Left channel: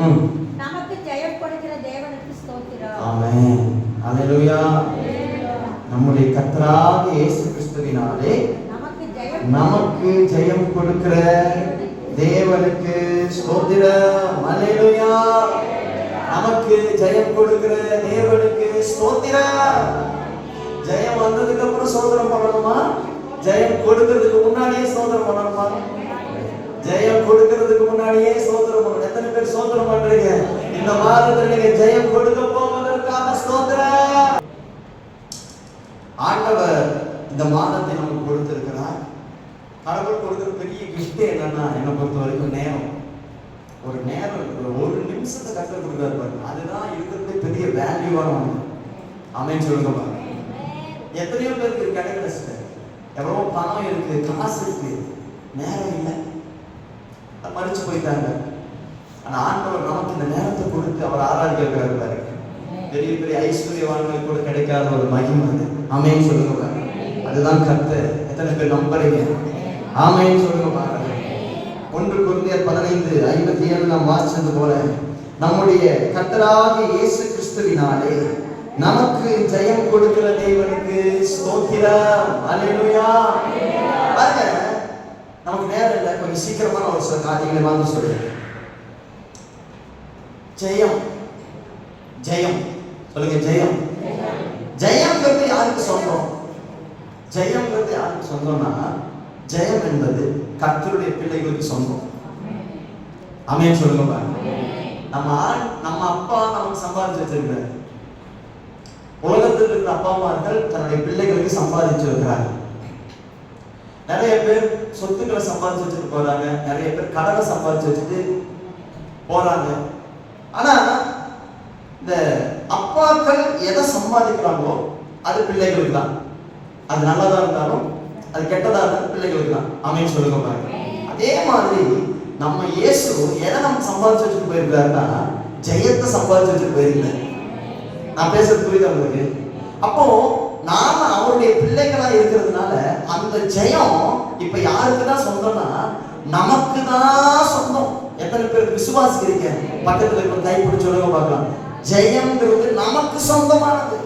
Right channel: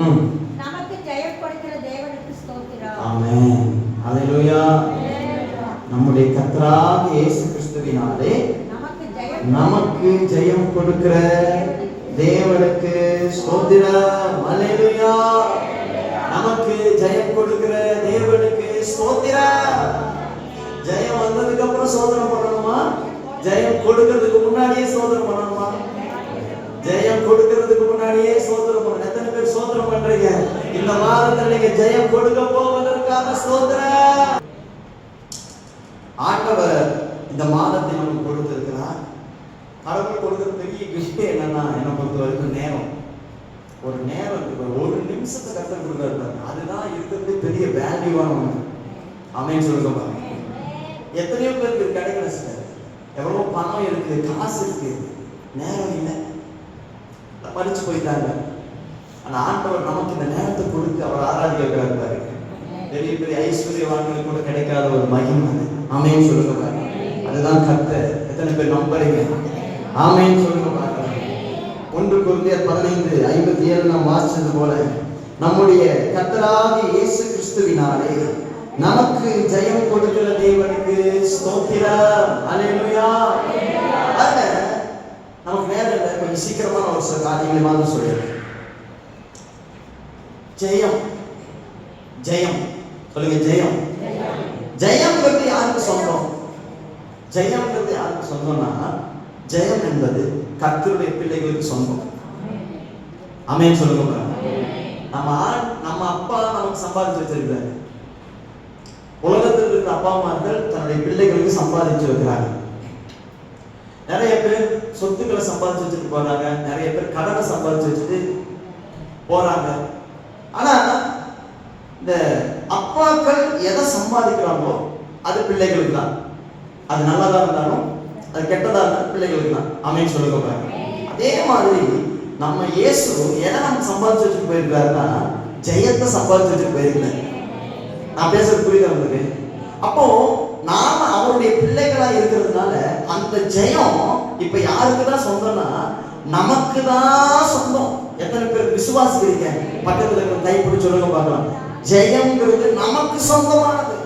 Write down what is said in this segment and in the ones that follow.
நமக்கு ஜெயம் கொடுக்கிற தேவனுக்கு ஸ்தோத்திரம். ஆமென். அல்லேலூயா. நம்முடைய கர்த்தராகிய இயேசு கிறிஸ்துவினாலே நமக்கு ஜெயம் கொடுக்கிற தேவனுக்கு ஸ்தோத்திரம். அல்லேலூயா. நமக்கு ஜெயம் கொடுக்கிற தேவனுக்கு ஸ்தோத்திரம். ஜெயம் வந்ததுக்கு அப்புறம் சோதனம் பண்ணணுமா? ஜெயம் கொடுக்கிறதுக்கு முன்னாடியே சோதனம் பண்ணணுமா? ஜெயம் கொடுக்கிறதுக்கு முன்னாடியே சோதனம் பண்ணணும். எத்தனை பேர் சோதனம் பண்றீங்க? இந்த வாரத்தில் நீங்க ஜெயம் கொடுக்க போவதற்காக ஸ்தோத்திரம். ஆண்டவர் இந்த மாதத்தை நமக்கு கொடுத்திருக்கிறார். கடவுள் கொடுக்கிற பெரிய கிஃப்ட் என்னன்னா, என்னை பொறுத்த வரைக்கும் நேரம். ஒரு நேரம், ஒரு நிமிஷத்தை கற்றுக் கொடுக்குறாரு. அதுதான் இருக்கிறது பெரிய வேல்யூவான ஒன்று. ஆமென் சொல்லுங்க பாருங்க. எத்தனையோ பேருக்கு கிடைக்கல சார். எவ்வளோ பணம் இருக்கு, காசு இருக்கு, நேரம் இல்லை, மறிச்சு போயிட்டாங்க. ஆனா ஆண்டவர் நமக்கு இந்த நேரத்தை கொடுத்து அவர் ஆராதிக்க இருப்பாரு. பெரிய பெரிய ஐஸ்வர்யவான்கள் கூட கிடைக்காத ஒரு மகிமை. ஆமென் சொல்லுங்க பாருங்க. அதுதான் கர்த்தர். எத்தனை பேர் நம்புறீங்க? ஆமென் சொல்லுங்க பாருங்க. 1 கொரிந்தியர் 15:57 நாம் வாசிச்சது போல நம்முடைய கர்த்தராகிய இயேசு கிறிஸ்துவினாலே நமக்கு ஜெயம் கொடுக்கிற தேவனுக்கு ஸ்தோத்திரம். அல்லேலூயா. பாருங்க, நமக்கு நேரம் இல்லை, கொஞ்சம் சீக்கிரமா ஒரு சில காரியங்களை வந்து சொல்லுங்க. ஜெயம் ஜெயம் சொல்லுங்க. ஜெயம் ஜெயம்ங்கிறது யாருக்கு சொந்தம்? ஜெயம்ங்கிறது யாருக்கு சொந்தம்னா, ஜெயம் என்பது கர்த்தருடைய பிள்ளைகளுக்கு சொந்தம். ஆமென் சொல்லுங்க. நம்ம அப்பா நமக்கு சம்பாதிச்சு வச்சிருக்காரு. உலகத்தில் இருந்த அப்பா அம்மார்கள் தன்னுடைய பிள்ளைகளுக்கு சம்பாதிச்சு வைக்கிறார்கள். நிறைய பேர் சொத்துக்களை சம்பாதிச்சு வச்சுட்டு போறாங்க, நிறைய பேர் கடனை சம்பாதிச்சு வச்சுட்டு போறாங்க. ஆனா இந்த அப்பாக்கள் எதை சம்பாதிக்கிறாங்களோ அது பிள்ளைகளுக்கு தான். அது நல்லதா இருந்தாலும் அது கெட்டதா இருந்தாலும் பிள்ளைகளுக்கு தான். ஆமென் சொல்லுங்க பாருங்க. அதே மாதிரி நம்ம இயேசு எதை நம்ம சம்பாதிச்சு வச்சுட்டு போயிருக்காருன்னா, ஜெயத்தை சம்பாதிச்சு வச்சுட்டு போயிருக்காரு. நான் பேசுறது புரியுது உங்களுக்கு? அப்போ நாம அவருடைய பிள்ளைகளா இருக்கிறதுனால அந்த ஜெயம் இப்ப யாருக்கு தான் சொந்தம்னா, நமக்கு தான் சொந்தம். எத்தனை பேர் விசுவாசிக்கிறீங்க? பக்கத்துல இருக்க கை பிடிச்சு சொல்லுங்க பார்க்கலாம். ஜெயம்ங்கிறது நமக்கு சொந்தமானது.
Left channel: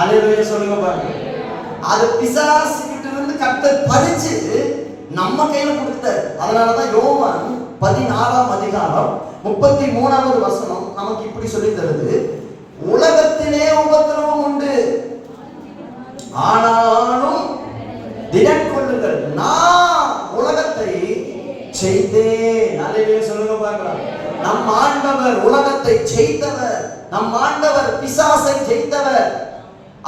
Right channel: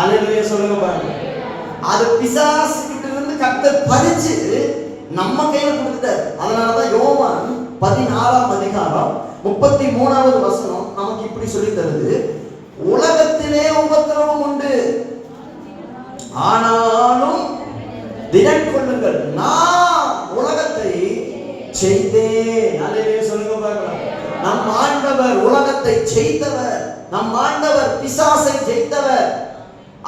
அல்லேலூயா சொல்லுங்க பாருங்க. அது பிசாசு கிட்ட இருந்து கர்த்தர் பறிச்சு நம்ம கையில கொடுத்தார். அதனாலதான் யோவான் 16:33 நமக்கு இப்படி சொல்லி தருது. உலகத்திலே உபத்திரவம் உண்டு, ஆனாலும் திடன் கொள்ளுங்கள், நான் உலகத்தை ஜெயித்தேன். அல்லேலூயா சொல்லுங்க பார்க்கலாம். நம் ஆண்டவர் உலகத்தை ஜெயித்தவர். நம் ஆண்டவர் பிசாசை ஜெயித்தவர்.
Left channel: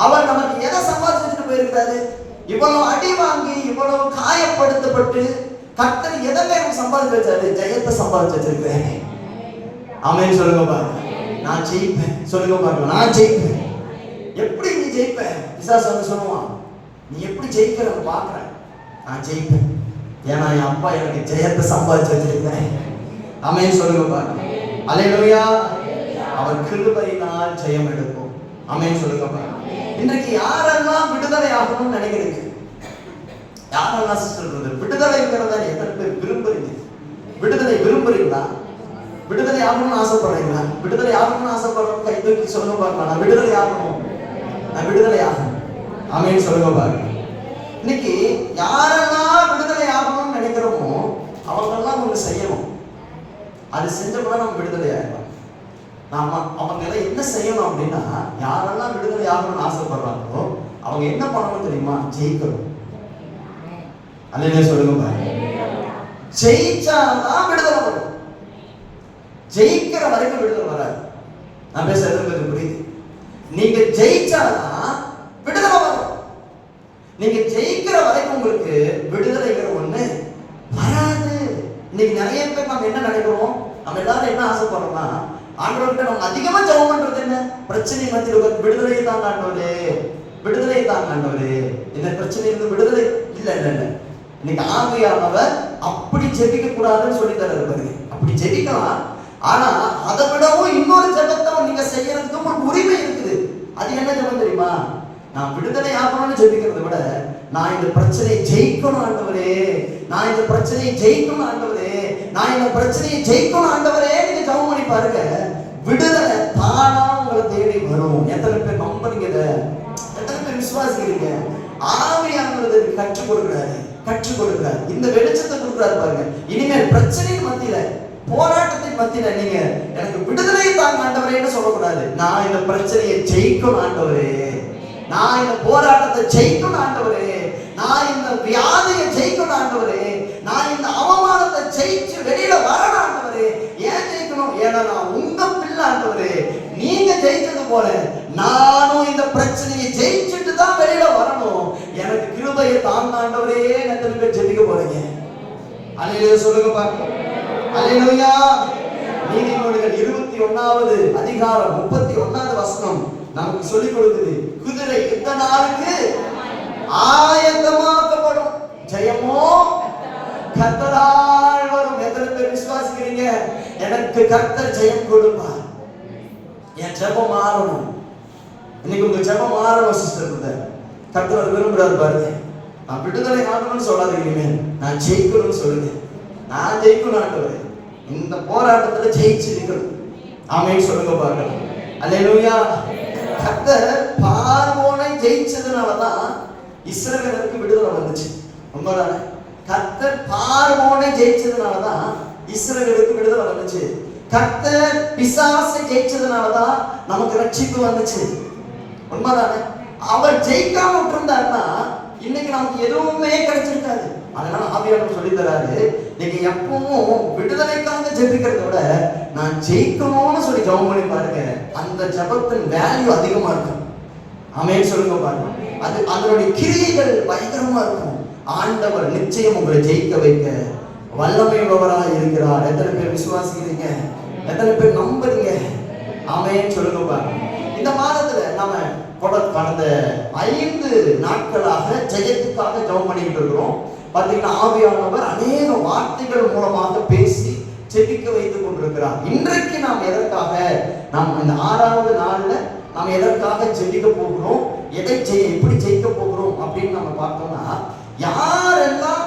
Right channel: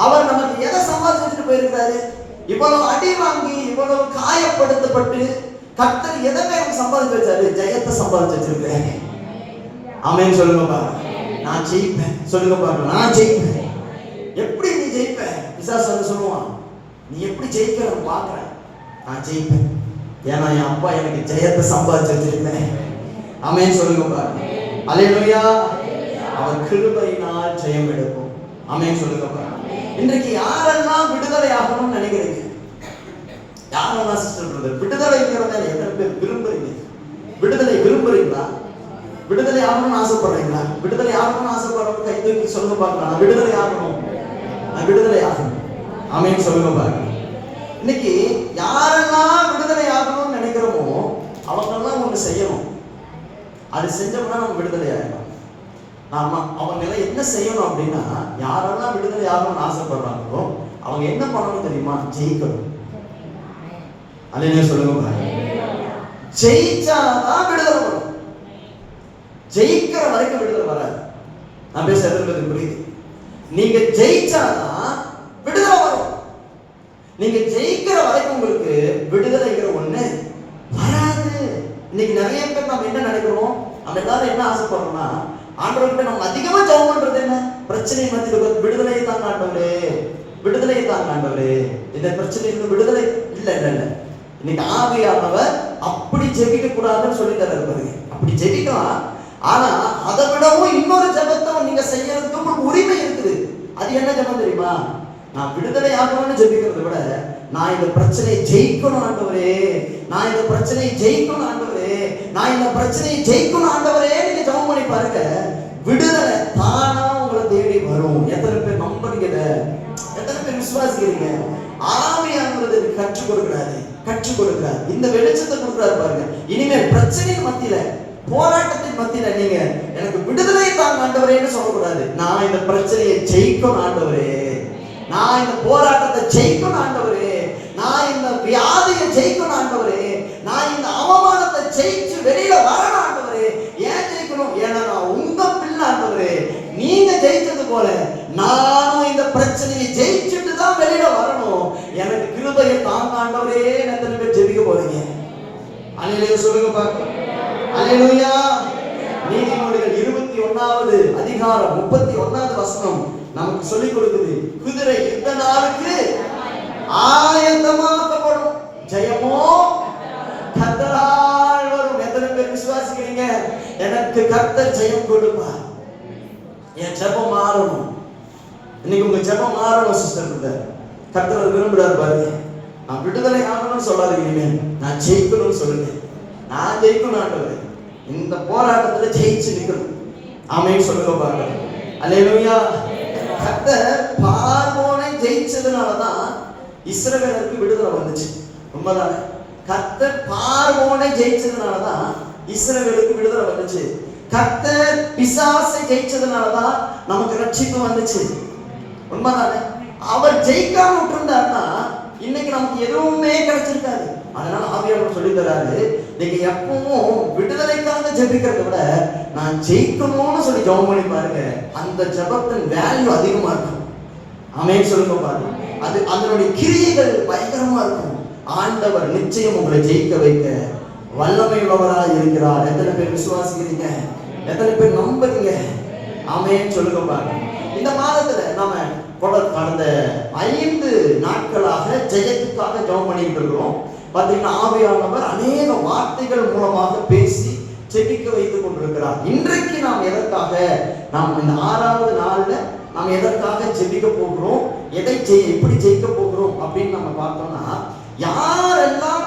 அவர் நமக்கு எதை சம்பாதிச்சுட்டு போயிருக்காரு? இவ்வளவு அடி வாங்கி, இவ்வளவு காயப்படுத்தப்பட்டு கர்த்தர் எதை சம்பாதிச்சு வச்சாரு? ஜெயத்தை சம்பாதிச்சு வச்சிருக்கிறேன். ஆமென் சொல்லுங்க பாருங்க. நான் ஜெயிப்பேன் சொல்லுங்க பாருங்க. நான் ஜெயிப்பேன். எப்படி நீ ஜெயிப்ப? பிசாசு வந்து சொல்லுவான், நீ எப்படி ஜெயிக்கிற பாக்குறேன். நான் ஜெயிப்பேன், ஏன்னா என் அப்பா எனக்கு ஜெயத்தை சம்பாதிச்சு வச்சிருக்கிறேன். ஆமென் சொல்லுங்க பாருங்க. அல்லேலூயா. அவர் கிருபையினால் ஜெயம் எடுப்போம். ஆமென் சொல்லுங்க பாருங்க. இன்றைக்கு யாரெல்லாம் விடுதலை ஆகணும்னு நினைக்கிறீங்க? யாரெல்லாம் சிஸ்டர் பிரதர் விடுதலைங்கிறத எத்தனை பேர் விரும்புறீங்க? விடுதலை விரும்புறீங்களா? விடுதலை ஆகணும்னு ஆசைப்படுறீங்களா? விடுதலை ஆகணும்னு ஆசைப்படுறவங்க கை தூக்கி சொல்லுங்க பார்க்கலாம். நான் விடுதலை ஆகணும், நான் விடுதலை ஆகணும். ஆமென் சொல்லுங்க பாருங்க. இன்னைக்கு யாரெல்லாம் விடுதலை ஆகணும்னு நினைக்கிறோமோ அவங்கெல்லாம் ஒன்று செய்யணும். அது செஞ்சோம்னா நம்ம விடுதலை ஆகணும். நாம அவங்க எல்லாம் என்ன செய்யணும் அப்படின்னா, யாரெல்லாம் விடுதலை ஆகணும்னு ஆசைப்படுறாங்களோ அவங்க என்ன பண்ணணும் தெரியுமா? ஜெயிக்கணும். அல்லேலூயா சொல்லுங்க பாருங்க. ஜெயிச்சாதான் விடுதலை வரும். ஜெயிக்கிற வரைக்கும் விடுதலை வராது. நான் பேசுறது புரியுது? நீங்க ஜெயிச்சாதான் விடுதலை வரும். நீங்க ஜெயிக்கிற வரைக்கும் உங்களுக்கு விடுதலைங்கிற ஒண்ணு வராது. இன்னைக்கு நிறைய பேர் நம்ம என்ன நினைக்கிறோம்? நம்ம எல்லாரும் என்ன ஆசைப்படுறோம்னா, ஆண்டவர்கிட்ட நம்ம அதிகமா ஜெபம் பண்றது என்ன? பிரச்சனை மத்தியில் விடுதலை தான் ஆண்டவரே, விடுதலை தான் ஆண்டவரே, இந்த பிரச்சனைக்கு விடுதலை இல்ல இல்ல இல்ல. இன்னைக்கு ஆவியானவர் அப்படி ஜெபிக்க கூடாதுன்னு சொல்லி தர்றாரு. அப்படி ஜெபிக்கலாம், ஆனா அதை விடவும் இன்னொரு ஜெபத்தை நீங்க செய்யறதுக்கு உங்களுக்கு உரிமை இருக்குது. அது என்ன ஜெபம் தெரியுமா? நான் விடுதலை ஆகணும்னு ஜெபிக்கிறத விட, நான் இந்த பிரச்சனையை ஜெயிக்கணும் ஆண்டவரே, நான் இந்த பிரச்சனையை ஜெயிக்கணும் ஆண்டவரே, நான் இந்த பிரச்சனையை ஜெயிக்கணும் ஆண்டவரே நீங்க ஜெபம் பண்ணி பாருங்க, விடுதலை தானா உங்களை தேடி வரும். எத்தனை பேர் நம்புறீங்க? எத்தனை பேர் விசுவாசிக்கிறீங்க? ஆவியானவர் கற்றுக் கொடுக்கிறாரு, கற்றுக் கொடுக்கிறாரு. இந்த வெளிச்சத்தை கொடுக்கிறாரு பாருங்க. இனிமேல் பிரச்சனையின் மத்தியில, போராட்டத்தின் மத்தியில நீங்க எனக்கு விடுதலை தாங்க ஆண்டவரேன்னு சொல்லக்கூடாது. நான் இந்த பிரச்சனையை ஜெயிக்கணும் ஆண்டவரே, நான் இந்த போராட்டத்தை ஜெயிக்கணும் ஆண்டவரே, நான் இந்த வியாதியை ஜெயிக்கணும் ஆண்டவரே, நான் இந்த அவமானத்தை ஜெயிச்சு வெளியில வரணும் ஆண்டவரே. ஏன் ஜெயிக்கணும்? ஏன்னா நான் உங்க பிள்ளை ஆண்டவரே. நீங்க ஜெயிச்சது போல நானும் இந்த பிரச்சனையை ஜெயிச்சுட்டு தான் வெளியில வரணும். எனக்கு கிருபையை தாங்க ஆண்டவரே. எத்தனை பேர் ஜெபிக்க போறீங்க? அல்லேலூயா சொல்லுங்க பார்க்கலாம். அல்லேலூயா. நீதிமொழிகள் 21வது அதிகாரம் 31வது வசனம் நமக்கு சொல்லிக் கொடுக்குது, குதிரை யுத்த நாளுக்கு ஆயத்தமாக்கப்படும், ஜெயமோ கர்த்தரால் வரும். எத்தனை பேர் விசுவாசிக்கிறீங்க? எனக்கு கர்த்தர் ஜெயம் கொடுப்பார். என் ஜெபம் மாறணும். இன்னைக்கு உங்க ஜெபம் மாறணும் சிஸ்டர். கர்த்தர் விரும்புறாரு பாருங்க. நான் விடுதலை ஆகணும்னு சொல்லாதீங்க, நான் ஜெயிக்கணும்னு சொல்லுங்க. நான் ஜெயிக்கணும் ஆண்டவரே, இந்த போராட்டத்துல ஜெயிச்சு நிக்கணும். ஆமென் சொல்லுங்க பாருங்க. அல்லேலூயா. கர்த்தர் பார்வோனை ஜெயிச்சதுனாலதான் இஸ்ரவேலுக்கு விடுதலை வந்துச்சு. உண்மைதானே? கர்த்தர் பார்வோனை ஜெயிச்சதுனாலதான் இஸ்ரவேலுக்கு விடுதலை வந்துச்சு. கர்த்தர் பிசாசை ஜெயிச்சதுனாலதான் நமக்கு ரட்சிப்பு வந்துச்சு. உண்மைதானே? அவர் ஜெயிக்காம விட்டுருந்தாருன்னா இன்னைக்கு நமக்கு எதுவுமே கிடைச்சிருக்காது. அதனால ஆவியானவர் சொல்லி தராரு, நீங்க எப்பவும் விடுதலைக்காக ஜெபிக்கிறத விட நான் ஜெயிக்கணும்னு சொல்லி ஜெபம் பண்ணி பாருங்க, அந்த ஜெபத்தின் வேல்யூ அதிகமா இருக்கும். ஆமென் சொல்லுங்க பாருங்க. அது அதனுடைய கிரியைகள் பயங்கரமா இருக்கும். ஆண்டவர் நிச்சயம் உங்களை ஜெயிக்க வைக்க வல்லமை உள்ளவராக இருக்கிறார். எத்தனை பேர் விசுவாசிக்கிறீங்க? எத்தனை பேர் நம்புறீங்க? ஆமென் சொல்லுங்க பாருங்க. இந்த மாதத்துல நம்ம கடந்த 5 நாட்களாக ஜெயத்துக்காக ஜெபம் பண்ணிட்டு இருக்கிறோம். பாத்தீங்கன்னா ஆவியானவர் அநேக வார்த்தைகள் மூலமாக பேசி ஜெபிக்க வைத்துக் கொண்டிருக்கிறார். இன்றைக்கு நாம் எதற்காக, நாம் இந்த 6வது நாள்ல நாம் எதற்காக ஜெபிக்க போகிறோம், எப்படி ஜெயிக்க போகிறோம் அப்படின்னு நம்ம பார்த்தோம்னா, யாரெல்லாம்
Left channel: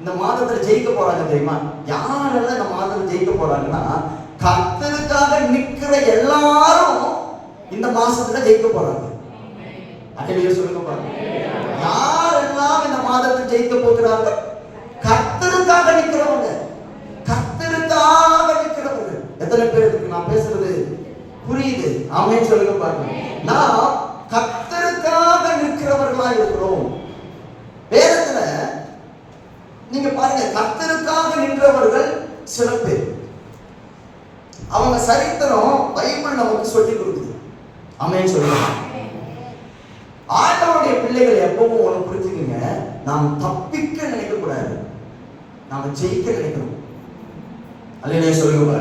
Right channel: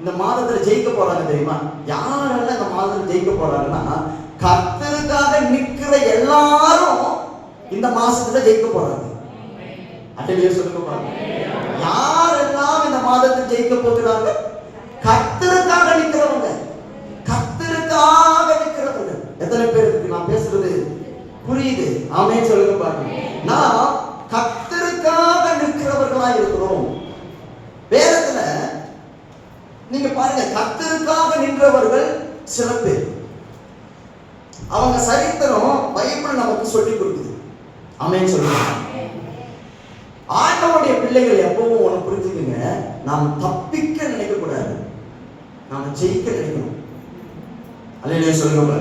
இந்த மாதத்துல ஜெயிக்க போறாங்க தெரியுமா? யாரெல்லாம் இந்த மாதத்துல ஜெயிக்க போறாங்கன்னா, கர்த்தருக்காக நிக்கிற எல்லாரும் இந்த மாசத்துல ஜெயிக்க போறாங்க. அப்படியே சொல்லுங்க பாருங்க. யாரெல்லாம் இந்த மாதத்தில் ஜெயிக்க போகிறாங்க? கர்த்தருக்காக நிக்கிறவங்க, கர்த்தருக்காக நிக்கிறவங்க. எத்தனை பேருக்கு நான் பேசுறது புரியுது? ஆமென் சொல்லுங்க பாருங்க. நான் கர்த்தருக்காக நிற்கிறவர்களா இருக்கிறோம். வேதத்துல நீங்க பாருங்க, கர்த்தருக்காக நின்றவர்கள் சில பேர், அவங்க சரித்திரம் பைபிள் நமக்கு சொல்லி கொடுக்குது. ஆமென் சொல்லுங்க. ஆண்டவருடைய பிள்ளைகள் எப்பவும் ஒன்று புரிஞ்சுக்குங்க, நாம் தப்பிக்க நினைக்க கூடாது, நாம ஜெயிக்க நினைக்கணும். அல்லேலூயா சொல்லுங்க.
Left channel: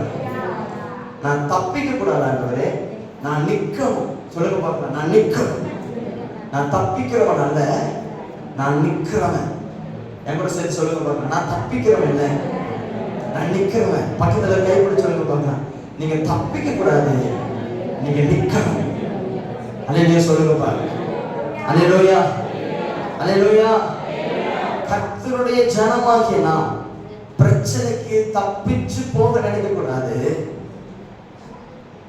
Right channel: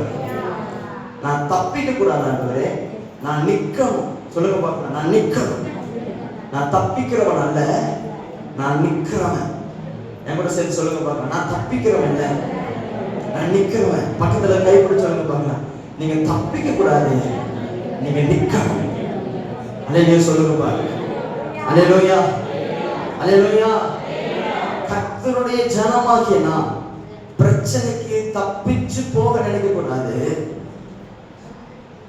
நான் தப்பிக்க கூடாது ஆண்டவரே, நான் நிக்கணும். சொல்லுங்க பார்க்கலாம். நான் நிக்கணும். நான் தப்பிக்கிறவன் அல்ல, நான் நிக்கிறவன். என் கூட சேர்த்து சொல்லுங்க பார்க்கலாம். நான் தப்பிக்கிறவன் இல்ல, நான் நிக்கிறவன். பக்கத்துல கை பிடிச்சு சொல்லுங்க பார்க்கலாம். நீங்க தப்பிக்க கூடாது, நீங்க நிக்கணும். அல்லேலூயா சொல்லுங்க பாருங்க. அல்லேலூயா, அல்லேலூயா. கர்த்தருடைய ஜனமாகிய நாம் பிரச்சனைக்கு தப்பிச்சு போக நினைக்க கூடாது,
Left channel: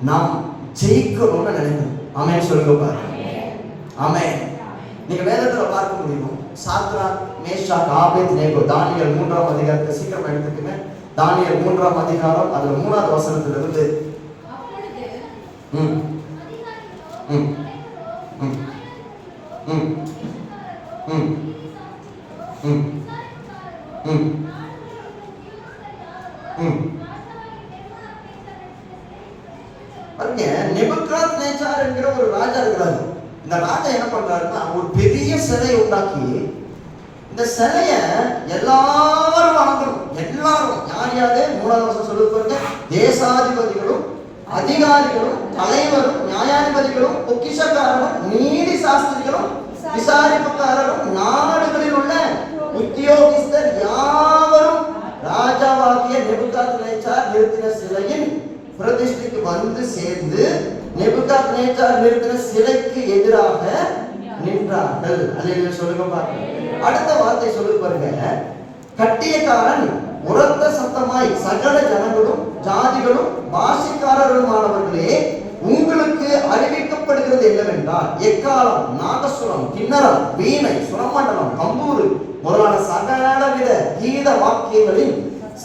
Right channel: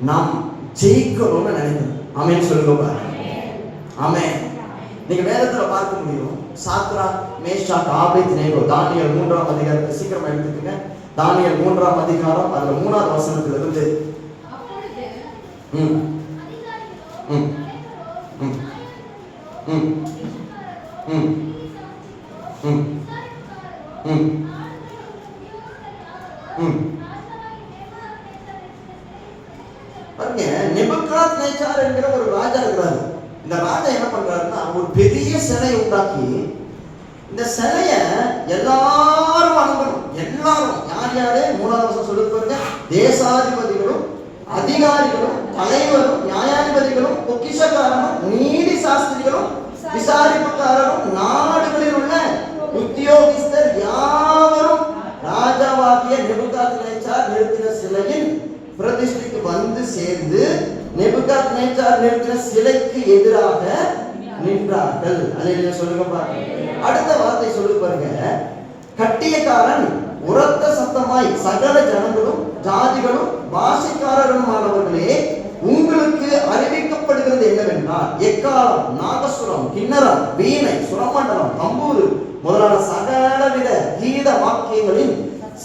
நாம் ஜெயிக்கணும்னு நினைக்கணும். ஆமென் சொல்லுங்க பாருங்க. ஆமென். நீங்க வேதத்துல பார்க்க முடியும், சாத்ராக், மேஷாக், ஆபேத்நேகோ, தானியேல் 3ஆம் அதிகாரத்தை சீக்கிரம் எடுத்துக்கங்க. தானியேல் 3ஆம் அதிகாரம் அதுல 3வது வசனத்துல இருந்து நெபுகாத்நேச்சார் என்கிற ஒரு ராஜா இருக்கிறார். இந்த ராஜா என்ன பண்றாருன்னா, ஒரு பெரிய சிலை உண்டாக்கி, இந்த சிலைய எல்லாரும் வணங்கணும். எல்லாரும் யார் யாரு? 3வது வசனம் சொல்லுவாங்க, தேசாதிபதிகளும் அதிகாரிகளும் தலைவரும் நியாயாதிபதிகளும் பொக்கிஷக்காரரும் நீதி சாஸ்திரிகளும் விசாரிப்புக்காரரும் நாடுகளில் உள்ள உத்தியோகஸ்தர் யாவரும் ராஜாவாகிய நெபுகாத்நேச்சார் நிறுத்தின சிலையின் பிரதிஷ்டைக்கு வந்து சேர்ந்து நெபுகாத்நேச்சார் நிறுத்தின சிலைக்கு எதிராக நின்றார்கள். அல்லேலூயா சொல்லுங்க பாருங்க. அடுத்த வார்த்தை சொல்லு பாருங்க. கட்டியக்காரன் உரத்த சத்தமாய் சகல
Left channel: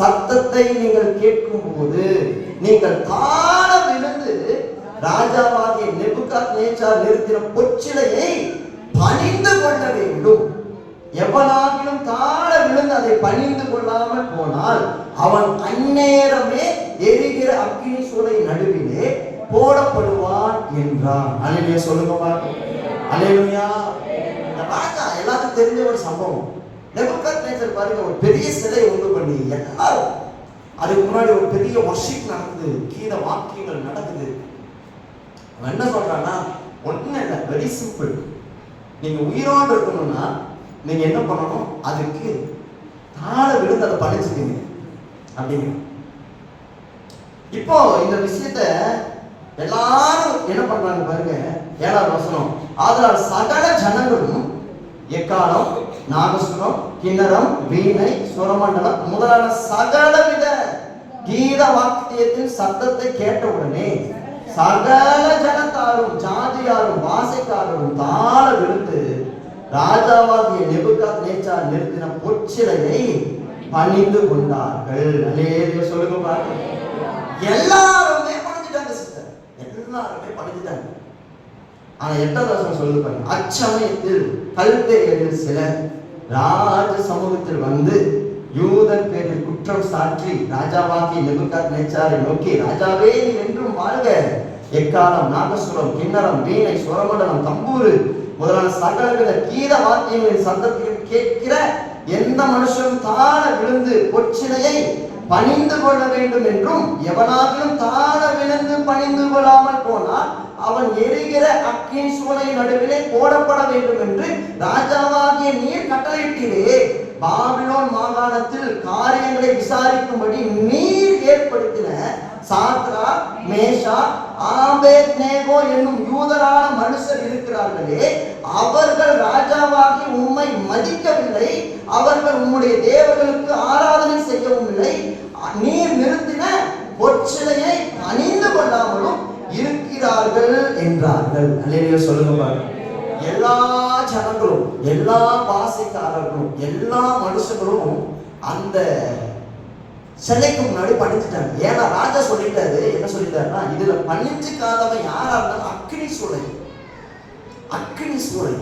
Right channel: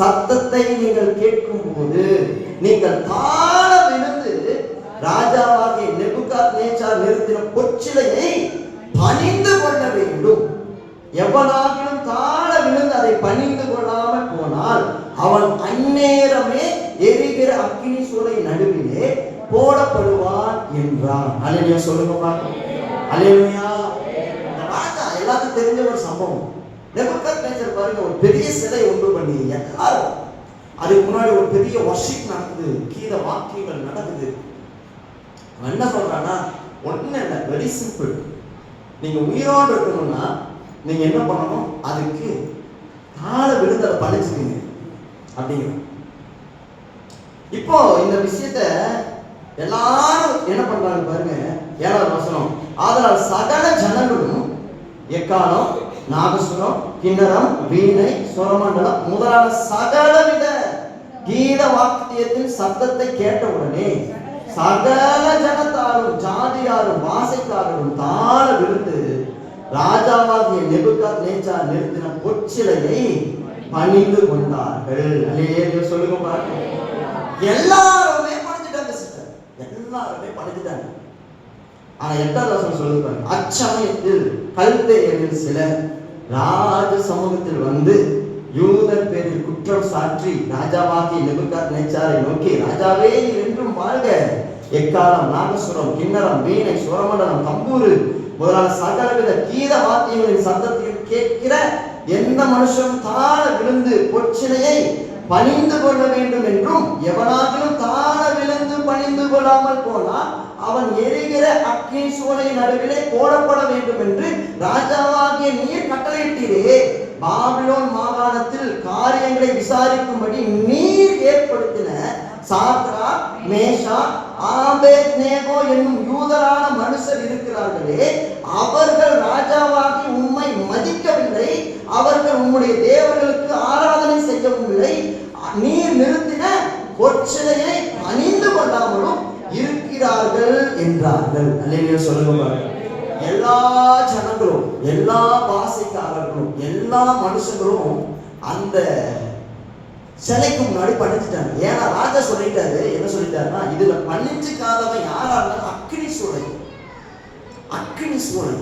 சத்தத்தை நீங்கள் கேட்கும் போது நீங்கள் தாழ விழுந்து ராஜாவாகிய நேபுகாத்நேச்சார் நிறுத்தின பொற்சிலையை பணிந்து கொள்ள வேண்டும். எவனாகிலும் தாழ விழுந்து அதை பணிந்து கொள்ளாமல் போனால் அவன் அந்நேரமே எரிகிற அக்கினி சூளை நடுவிலே போடப்படுவான் என்றான். அல்லேலூயா சொல்லுங்க பாப்போம். அல்லேலூயா. ராஜா எல்லாத்துக்கும் தெரிஞ்ச ஒரு சம்பவம். நேபுகாத்நேச்சார் பாருங்க, ஒரு பெரிய சிலை உண்டு பண்ணி எல்லாரும் அதுக்கு முன்னாடி ஒரு பெரிய வர்ஷிப் நடக்குது, கீத வாக்கியங்கள் நடக்குது. என்ன சொல்றான்னா, ஒண்ணு இல்லை, வெரி சிம்பிள். நீங்க உயிரோடு இருக்கணும்னா நீங்க என்ன பண்ணணும், அதுக்கு தாழ விழுந்து அதை பழிச்சுக்கீங்க அப்படிங்க. இப்போ இந்த விஷயத்த எல்லாரும் என்ன பண்றாங்க பாருங்க, 7வது வசனம். ஆதலால் சகல ஜனங்களும் எக்காலம், நாகசுரம், கிண்ணரம், வீணை, சுரமண்டலம் முதலான சகலவித கீத வாக்கியத்தின் சத்தத்தை கேட்டவுடனே சகல ஜனத்தாரும் ஜாதியாரும் வாசைக்காரரும் தாழ விழுந்து ராஜாவாகிய நேபுகாத்நேச்சார் நிறுத்தின பொற்சிலையை பணிந்து கொண்டார்கள். அல்லேலூயா சொல்லுங்க பாருங்க. எல்லாருமே பணிஞ்சிட்டாங்க சிஸ்டர், எல்லாருமே பணிஞ்சிட்டாங்க. ஆனா 8வது வசனம் சொல்லுறாங்க, அச்சமயத்தில் கல்தேயரில் சிலர் ராஜ சமூகத்தில் வந்து யூதர் பேரில் குற்றம் சாற்றி ராஜாவாகிய நேபுகாத்நேச்சாரை நோக்கி, ராஜாவே நீ என்றும் வாழ்க, எக்காலம், நாகசுரம், கிண்ணரம், வீணை, சுரமண்டலம், தம்பூரு முதலான சகலவித கீத வாத்தியங்களின் சத்தத்தையும் கேட்கிற எந்த மனுஷனும் தாழ விழுந்து பொற்சிலையை பணிந்து கொள்ள வேண்டும் என்றும் எவனாகிலும் தாழ விழுந்து பணிந்து கொள்ளாமல் போனால் அவன் எரிகிற அக்கினி சூளை நடுவிலே போடப்பட வேண்டும் என்று ராஜாவாகிய நீர் கட்டளையிட்டீரே. பாபிலோன் மாகாணத்தில் காரியங்களை விசாரிக்கும்படி நீர் ஏற்படுத்தின சாத்ராக், மேஷாக், ஆபேத்நேகோ என்னும் யூதரான மனுஷர் இருக்கிறார்களே, அவர்கள் ராஜாவாகி உம்மை மதிக்கவில்லை, அவர்கள் உம்முடைய தேவர்களுக்கு ஆராதனை செய்யவும் இல்லை, நீர் நிறுத்தின பொற்சிலையை பணிந்து கொள்ளாமலும் இருக்கிறார்கள் என்றார்கள். அல்லேலூயா சொல்லுங்க. எல்லா ஜனங்களும், எல்லா பாசைக்காரர்களும், எல்லா மனுஷங்களும் அந்த சிலைக்கு முன்னாடி பணிஞ்சிட்டாங்க. ஏன்னா ராஜா சொல்லிட்டாரு, என்ன சொல்லிட்டாருன்னா, இதுல பணிஞ்சுக்காதவன் யாரா இருந்தாலும் அக்கினி சூளை, அக்கினி சூளை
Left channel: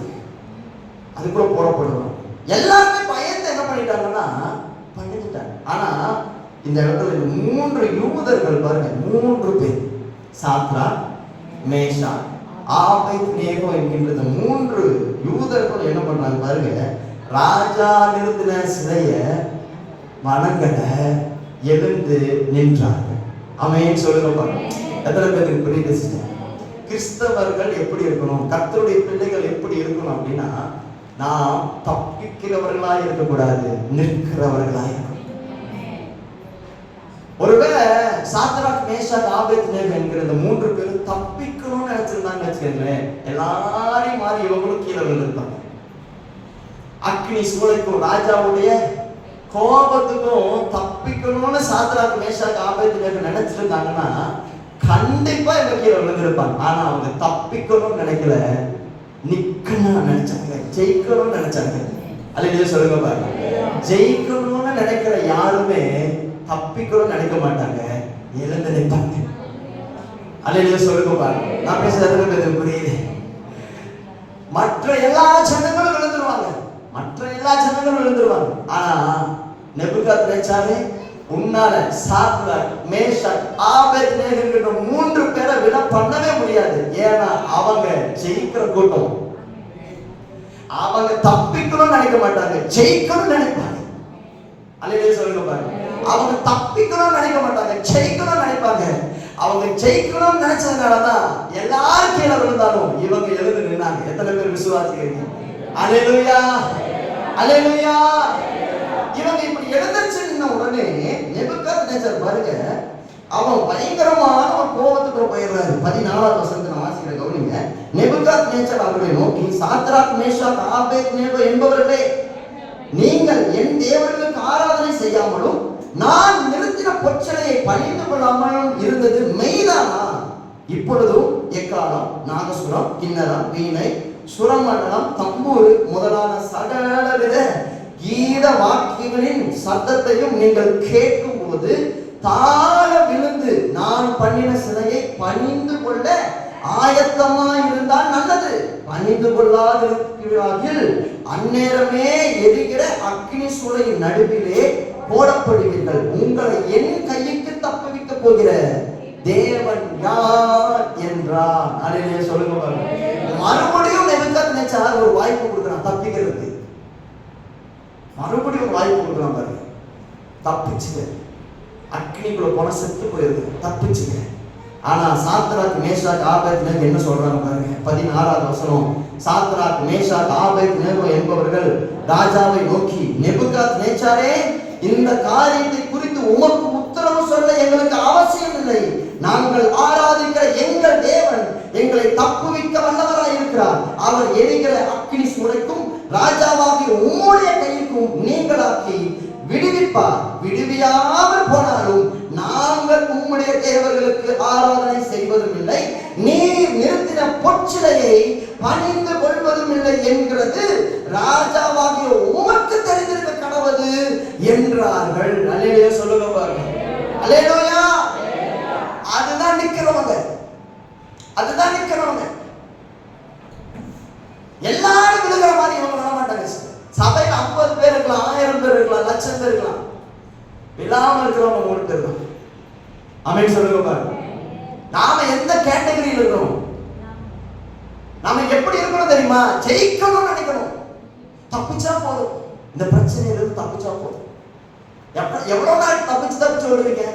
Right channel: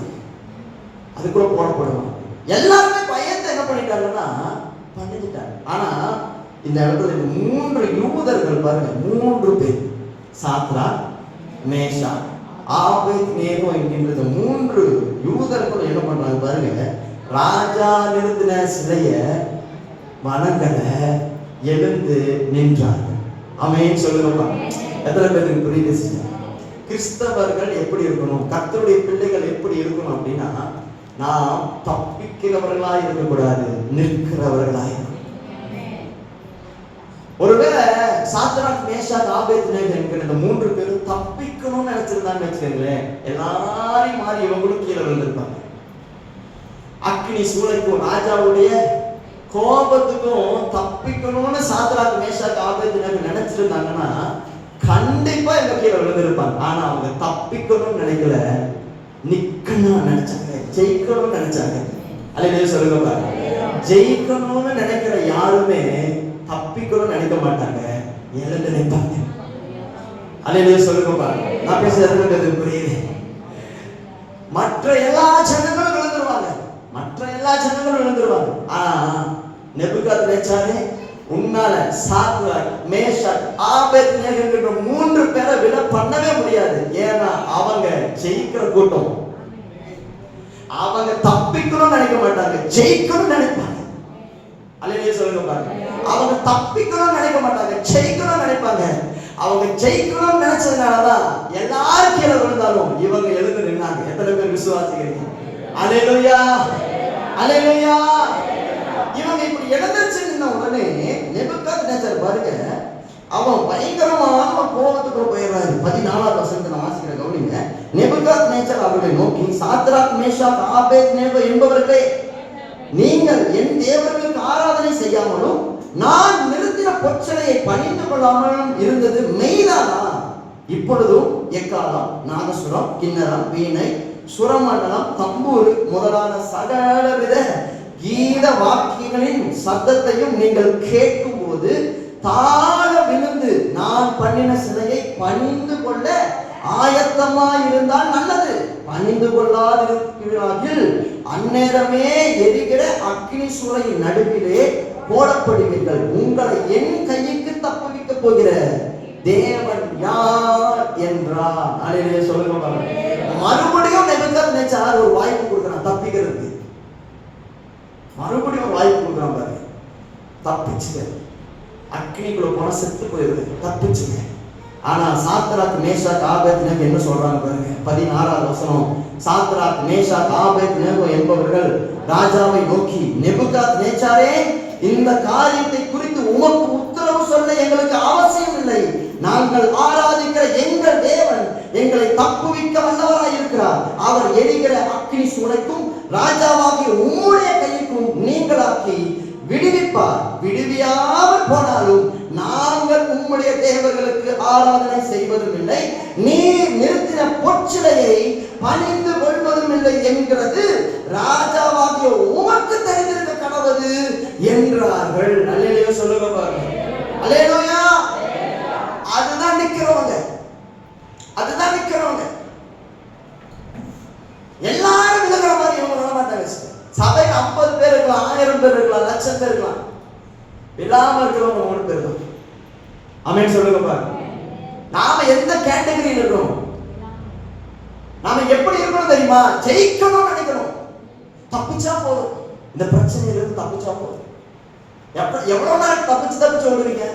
அதுக்குள்ள போடப்படுவான். எல்லாருமே பயந்து என்ன பண்ணிட்டாங்கன்னா பணிஞ்சிட்டாங்க. ஆனா இந்த இடத்துல இந்த 3 யூதர்கள் பாருங்க, 3 பேர், சாத்ராக், மேஷாக், ஆபேத்நேகோ என்கின்ற 3 யூதர்கள் என்ன பண்றாங்க பாருங்க, ராஜா நிறுத்தின சிலைய வணங்கல, எழுந்து நின்றார்கள். ஆமென் சொல்லுங்க. எத்தனை பேருக்கு புரியுது? கிறிஸ்தவர்கள் எப்படி இருக்கணும், கர்த்தருடைய பிள்ளைகள் எப்படி இருக்கணும் அப்படின்னா, நாம் தப்பிக்கிறவர்களாய் இருக்கக்கூடாது, நிற்கிறவர்களாய் இருக்கணும். ஒருவேளை சாத்ராக், மேஷாக், ஆபேத்நேகோ என்கிற இந்த 3 பேரும் தப்பிக்கணும்னு நினைச்சிருந்தாங்க வச்சுக்கோங்களேன், எல்லாரையும் மாறி இவங்களும் கீழே விழுந்திருப்பாங்க. அக்கினி சூளைக்கும் ராஜாவுடைய கோபத்துக்கும் தப்பிக்கணும்னு சாத்ராக், மேஷாக், ஆபேத்நேகோ நினைச்சிருந்தாங்கன்னா கண்டிப்பா இவங்க கீழே விழுந்திருப்பாங்க. ஆனா அவங்க தப்பிக்கணும்னு நினைக்கல, நிக்கணும்னு நினைச்சாங்க, ஜெயிக்கணும்னு நினைச்சாங்க. அல்லேலூயா சொல்லுங்க பாருங்க. ஜெயிக்கணும்னு நினைக்கிற யாருமே தப்பிக்கணும்னு நினைக்க மாட்டாங்க, எழுந்து நிற்பாங்க. அல்லேலூயா சொல்லுங்க பாருங்க. நான் பேசுறது புரியுது? மற்ற எல்லா ஜனங்களும் விழுந்துருவாங்க, மற்ற எல்லா ஜனங்களும் விழுந்துருவாங்க. ஆனா நேபுகாத்நேச்சாரே, உன்னால சாத்ராக், மேஷாக், ஆபேத்நேகோ என்கிற 3 பேரை விட பண்ணவே முடியாது. ஏன்னா அவங்க ஜெயிக்கிற கூட்டம். அவங்க தப்பிக்கணும்னு நினைக்க மாட்டாங்க, ஜெயிக்கணும்னு நினைப்பாங்க. அல்லேலூயா சொல்லுங்க பாருங்க. அவங்க தப்பிக்கணும்னு நினைக்க மாட்டாங்க, ஜெயிக்கணும்னு நினைப்பாங்க. அவங்க ஜெயிக்கணும்னு நினைச்சதுனாலதான் எல்லாரும் கீழே விழுந்தாலும் இவங்க எழுந்து நின்னாங்க. எத்தனை பேர் விசுவாசிக்கிறீங்க? அல்லேலூயா, அல்லேலூயா. இவங்க இப்படி எழுந்திருச்சு நின்ன உடனே நேபுகாத்நேச்சார் பாருங்க, அவன் பயங்கரமான ஒரு கோபத்துக்குள்ள போயிடுறாரு. 14வது வசனத்தை நான் வாசிக்கிறேன், கவனிங்க. நேபுகாத்நேச்சார் அவர்களை நோக்கி, சாத்ராக், மேஷாக், ஆபேத்நேகோ என்பவர்களே, நீங்கள் என் தேவர்களுக்கு ஆராதனை செய்யாமலும் நான் நிறுத்தின பொற்சிலையை பணிந்து கொள்ளாமலும் இருந்தது மெய்தானா? இப்பொழுதும் எக்காலம், நாகசுரம், கிண்ணரம், வீணை, சுரமண்டலம், தம்பூரு முதலான சகலவித கீத வாக்கியங்களின் சத்தத்தையும் நீங்கள் கேட்கும் போது தாழ விழுந்து நான் பண்ணின சிலையை பணிந்து கொள்ள ஆயத்தமா இருந்தால் நல்லது. பணிந்து கொள்ளாதிருக்கிறார்கள் அந்நேரமே எரிகிற அக்கினி சூளையின் நடுவிலே போடப்படுவீர்கள். உங்களை என் கைக்கு தப்புவிக்க போகிற தேவன் யார் என்றார். அல்லேலூயா சொல்லுங்க. மறுபடியும் நேபுகாத்நேச்சார் ஒரு வாய்ப்பு கொடுக்குறான் தப்பிக்கிறதுக்கு. மறுபடியும் ஒரு வாய்ப்பு கொடுக்குறான் பாருங்க. தப்பிச்சுங்க, அக்னிக்குள்ள போன செத்து போயிருது, தப்பிச்சுங்க. ஆனா சாத்ராக் மேஷாக் ஆபேத்நேகோ என்ன சொல்றாங்க பாருங்க. 16வது வசனம். சாத்ராக் மேஷாக் ஆபேத்நேகோ என்பவர்கள் ராஜாவை நோக்கி, நேபுகாத்நேச்சாரே, இந்த காரியத்தை குறித்து உமக்கு உத்தரவு சொல்ல எங்களுக்கு அவசியம் இல்லை. நாங்கள் ஆராதிக்கிற எங்கள் தேவன் எங்களை தப்புவிக்க வல்லவராய் இருக்கிறார். அவர் எரிகிற அக்கினி சூளைக்கும் ராஜாவாகிய உம்முடைய கைக்கும் நீங்களாக்கி விடுவிப்பார். விடுவியாமல் போனாலும் நாங்கள் உம்முடைய தேவர்களுக்கு ஆராதனை செய்வதும் இல்லை, நீர் நிறுத்தின பொற்சிலையை பணிந்து கொள்வதும் இல்லை என்கிறது ராஜாவாகிய உமக்கு தெரிந்திருக்க கடவுது என்றார்கள். அல்லேலூயா சொல்லுங்க பாருங்க. அல்லேலூயா. அதுதான் நிக்கிறவங்க, அதுதான் நிக்கிறவங்க. எல்லாரும் விழுகிற மாதிரி இவங்க விட மாட்டாங்க. சபையில் 50 பேர் இருக்கலாம், 1000 பேர் இருக்கலாம், 1,00,000 பேர் இருக்கலாம். விழாம இருக்கிறவங்க 3 பேர் தான். ஆமென் சொல்லுங்க பாருங்க. நாம எந்த கேட்டகரியில் இருக்கிறோம்? நாம எப்படி இருக்கணும் தெரியுமா? ஜெயிக்கணும்னு நினைக்கணும். தப்பிச்சா போதும், இந்த பிரச்சனையிலிருந்து தப்பிச்சா போதும். எவ்வளவு நாள் தப்பிச்சு வருவீங்க?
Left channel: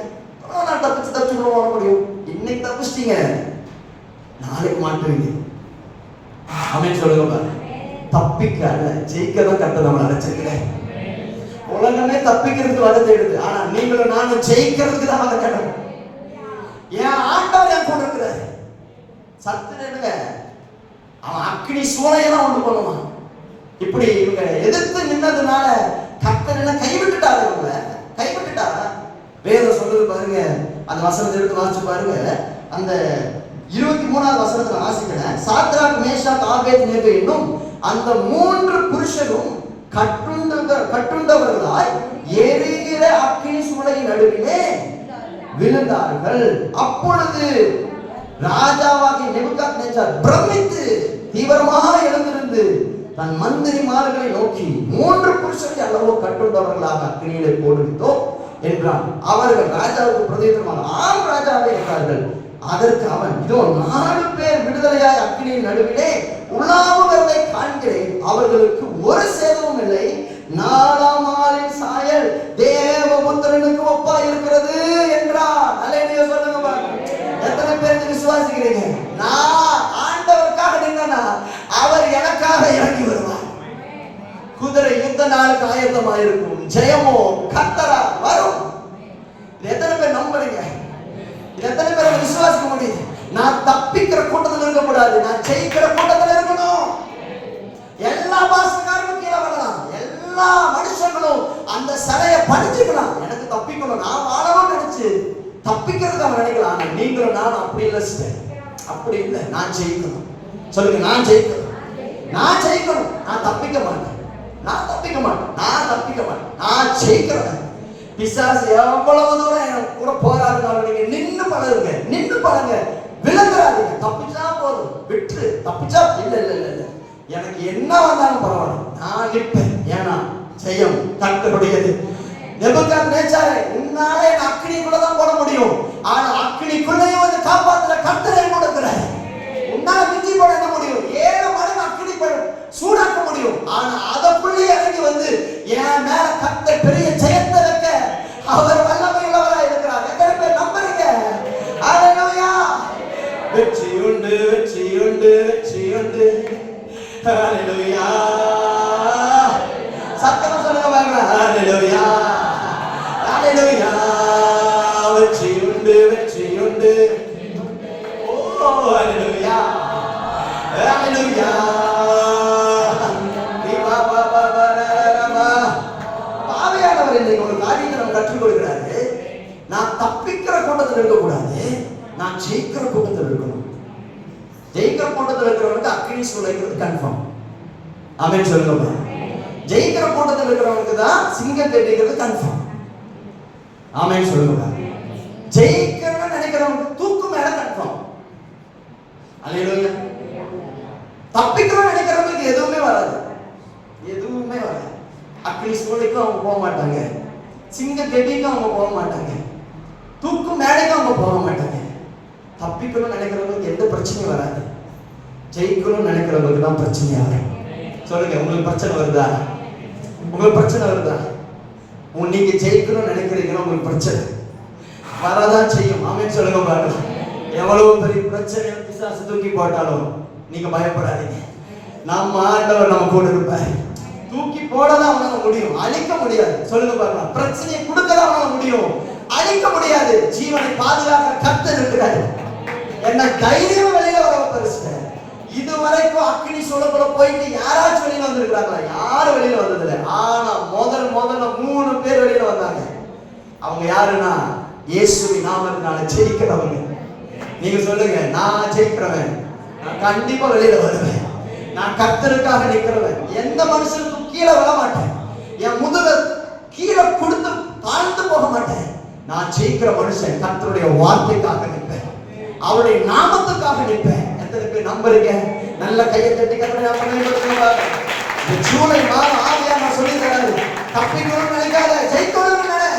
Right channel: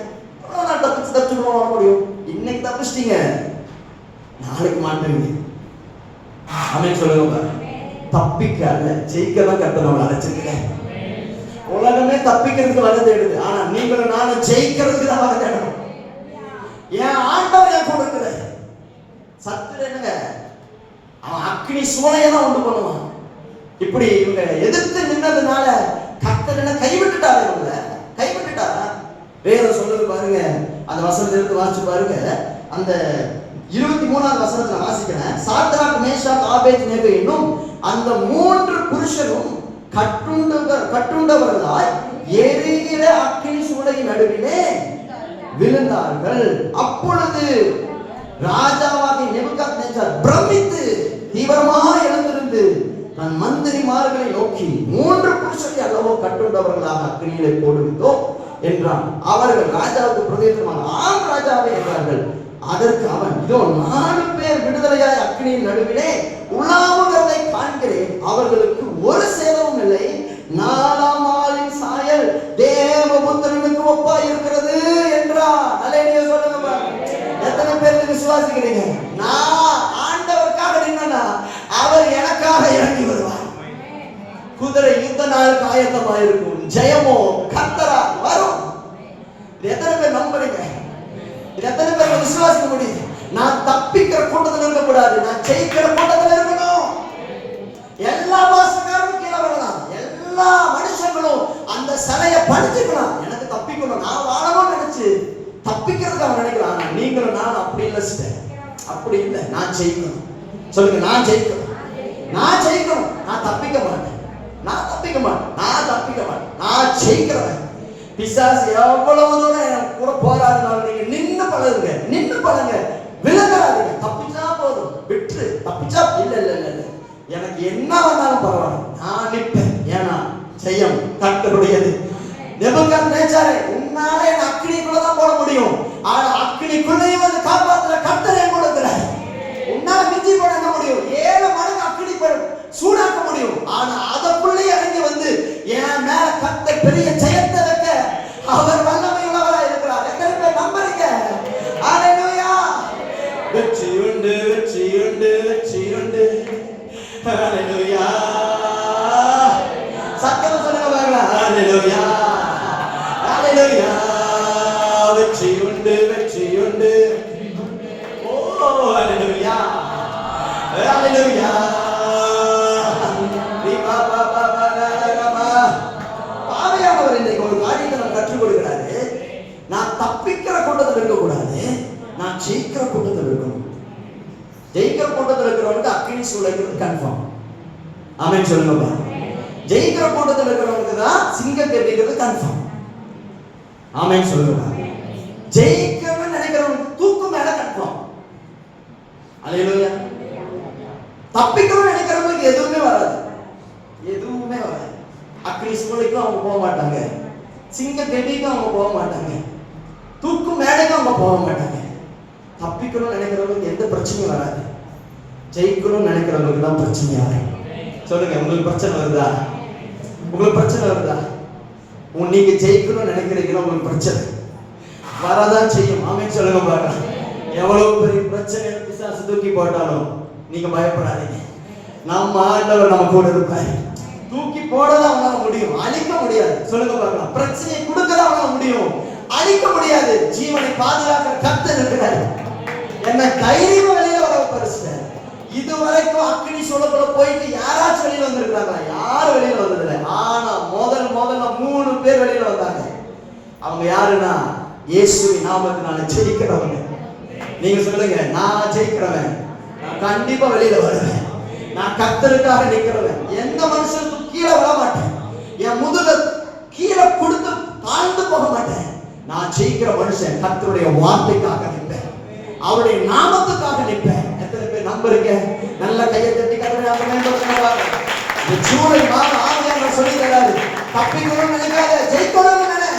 எவ்வளவு நாள் தப்பிச்சு வர முடியும்? இன்னைக்கு தப்பிச்சிட்டீங்க, நாளைக்கு மாட்டுவீங்க. ஆமென் சொல்லுங்க பாருங்க. தப்பிக்க அல்ல, ஜெயிக்க தான் கர்த்தர் நம்மளை அழைச்சிருக்கிறேன். உலகமே தப்பிக்கிறதுக்கு வர தேடுது, ஆனா நீங்களும் நானும் ஜெயிக்கிறதுக்கு தான் வர தேடணும். என் ஆண்டவர் என் கூட இருக்கிற சத்துருங்க, அவன் அக்கினி சூளையை தான் உண்டு பண்ணுவான். இப்படி இவங்க எதிர்த்து நின்னதுனால கர்த்தர் என்ன கைவிட்டுட்டாரு? இவங்க கைவிட்டுட்டாரா? வேதம் சொல்லுது பாருங்க. அந்த வசனத்தை எடுத்து வாசிச்சு பாருங்க. அந்த 23வது வசனத்துல வாசிக்கிறேன். சாத்ராக் மேஷாக் ஆபேத்நேகோ என்னும் அந்த 3 புருஷரும் கட்டுண்டவர்களாய் எரிகிற அக்கினி சூளையின் நடுவிலே விழுந்தார்கள். அப்பொழுது ராஜாவாகிய நேபுகாத்நேச்சார் பிரமித்து தீவிரமாக எழுந்திருந்து தன் மந்திரிமார்களை நோக்கி, 3 புருஷரை அல்லவோ கட்டுண்டவர்களாக அக்கினியிலே போடுவித்தோம் என்றான். அவர்கள் ராஜாவுக்கு பிரதியுத்தரமாக, ஆம் ராஜாவே என்றார்கள். அதற்கு அவன், இதோ 4 பேர் விடுதலையாய் அக்கினியின் நடுவிலே உலாவுகிறதை காண்கிறேன், அவர்களுக்கு ஒரு சேதமும் இல்லை. 4ஆம் ஆளின் சாயல் தேவபுத்திரனுக்கு ஒப்பாய் இருக்கிறது என்றார். அல்லேலூயா சொல்லுங்க பாருங்க. எத்தனை பேர் விசுவாசிக்கிறீங்க? நான் ஆண்டவருக்காக நின்னா அவர் எனக்காக இறங்கி வருவார். குதிரை யுத்த நாளுக்கு ஆயத்தமாக இருக்கும், ஜெயமோ கர்த்தரா வரும். எத்தனை பேர் நம்புறீங்க? எத்தனை பேர் விசுவாசிக்க முடியும்? நான் தப்பிக்கிற கூட்டத்தில் இருக்கக்கூடாது, நான் ஜெயிக்கிற கூட்டத்தில் இருக்கணும். எல்லா பாசக்காரரும் கீழே வரலாம், எல்லா மனுஷங்களும் அந்த சிலையை படிச்சுக்கலாம். எனக்கு தப்பிக்கணும், நான் வாழணும்னு நினைச்சு தப்பிக்கிறதுக்கு அவன் நினைக்கலாம். நீங்களும் நான் அப்படி இல்லை சிஸ்டர், அப்படி இல்லை. நான் ஜெயிக்கணும். சொல்லுங்க, நான் ஜெயிக்கணும், நான் ஜெயிக்கணும். நான் தப்பிக்க மாட்டேன், நான் தப்பிக்க மாட்டேன், நான் தப்பிக்க மாட்டேன், நான் ஜெயிக்கிறேன். பிசாசு எவ்வளவு தூரம் கூட போராடினாலும் நீங்க நின்னு பழகுங்க, நின்னு பழங்க, விலகிறாதீங்க. தப்பிச்சா போதும், விட்டு தப்பிச்சா இல்ல இல்ல இல்ல, எனக்கு என்ன வந்தாலும் பரவாயில்ல, நான் நிற்பேன். ஏன்னா ஜெயம் கர்த்தருடையது. நேபுகாத்நேச்சாரே, உன்னாலே என் அக்கினிக்குள்ளதான் போட முடியும், ஆனா அக்கினிக்குள்ளையும் வந்து காப்பாத்துற கர்த்தரை கொடுக்கிறார். உன்னால மிஞ்சி போட என்ன முடியும்? 7 மடங்கு அக்கினி சூடாக்க முடியும். ஆனா அதற்குள்ளே இறங்கி வந்து என் மேல கர்த்தர் பெரிய ஜெயத்தை வைக்க அவர் வல்லமை உள்ளவராய் இருக்கிறார். எத்தனை பேர் நம்புறீங்க? அல்லேலூயா. வெற்றி உண்டு, வெற்றி உண்டு, வெற்றி உண்டு. அல்லேலூயா. சத்தம் சொல்லுங்க பாருங்க. அல்லேலூயா, அல்லேலூயா. வெற்றி உண்டு, வெற்றி உண்டு. ஓ அல்லேலூயா, அல்லேலூயா. பாவையானவர் இன்றைக்கு ஒரு காரியத்தை நம்ம கற்றுக் கொடுக்கிறாரு. நான் தப்பிக்கிற கூட்டத்தில் இருக்கக்கூடாது, நான் ஜெயிக்கிற கூட்டத்தில் இருக்கணும். ஜெயிக்கிற கூட்டத்தில் இருக்கிறவனுக்கு அக்கினி சூளைங்கிறது கன்ஃபார்ம். ஆமென் சொல்லுங்க. ஜெயிக்கிற கூட்டத்தில் இருக்கிறவனுக்கு தான் சிங்கம் கட்டிக்கிறது கன்ஃபார்ம். ஆமென் சொல்லுங்க. ஜெயிக்கணும்னு நினைக்கிறவங்க தூக்கு மேல கட்டணும். அல்லேலூயா. தப்பிக்கணும்னு நினைக்கிறவங்களுக்கு எதுவுமே வராது, எதுவுமே வராது. அக்னி சூளைக்கும் அவங்க போக மாட்டாங்க, சிங்க கெட்டிக்கும் அவங்க போக மாட்டாங்க, தூக்கு மேடைக்கும் அவங்க போக மாட்டாங்க. தப்பிக்கணும்னு நினைக்கிறவங்களுக்கு எந்த பிரச்சனையும் வராது. ஜெயிக்கணும்னு நினைக்கிறவங்களுக்கு தான் பிரச்சனை வரும். சொல்லுங்க, உங்களுக்கு பிரச்சனை வருதா? உங்களுக்கு பிரச்சனை வருதா? நீங்க ஜெயிக்கணும்னு நினைக்கிறீங்கன்னா உங்களுக்கு பிரச்சனை வரதான் செய்யும். ஆமென் சொல்லுங்க பாருங்க. எவ்வளவு பெரிய பிரச்சனை பிசாசு தூக்கி போட்டாலும் நீங்க பயப்படாதீங்க. நம்ம ஆண்டவர் நம்ம கூட இருப்பார். தூக்கி போடதான் அவனால முடியும், அழிக்க முடியாது. சொல்லுங்க பாருங்க. பிரச்சனையை கொடுக்கதான் அவனால முடியும், அழிக்க முடியாது. ஜீவனை பாதுகாக்கிற கர்த்தர் இருக்கிறார். என்ன தைரியம் வெளியில வர பரிசு. இதுவரைக்கும் அக்னி சூளைக்குள்ள போயிட்டு யாராச்சும் வெளியில வந்திருக்காங்க? யாரும் வெளியில வந்ததில்லை. ஆனா முதல்ல 3 பேர் வெளியில வந்தாங்க. அவங்க யாருன்னா இயேசுவின் நாமத்தினால ஜெயிக்கிறவங்க. நீங்க சொல்லுங்க, நான் ஜெயிக்கிறவன், நான் கண்டிப்பா வெளியில வருவேன், நான் கர்த்தருக்காக நிக்கிறவன், எந்த மனுஷனுக்கும் கீழே விழ மாட்டேன், என் முதுக கீழே கொடுத்து பாழ்ந்து போக மாட்டேன். நான் ஜெயிக்கிற மனுஷன் கர்த்தருடைய வார்த்தைக்காக நிற்பேன், அவருடைய நாமத்துக்காக நிற்பேன். எத்தனை பேர் நம்புறீங்க? நல்ல கையை தட்டி கர்த்தரை ஜூலை மாதம் ஆவியானவர் சொல்லி தராரு, தப்பிக்கணும்னு நினைக்காத, ஜெயிக்கணும்னு நினை.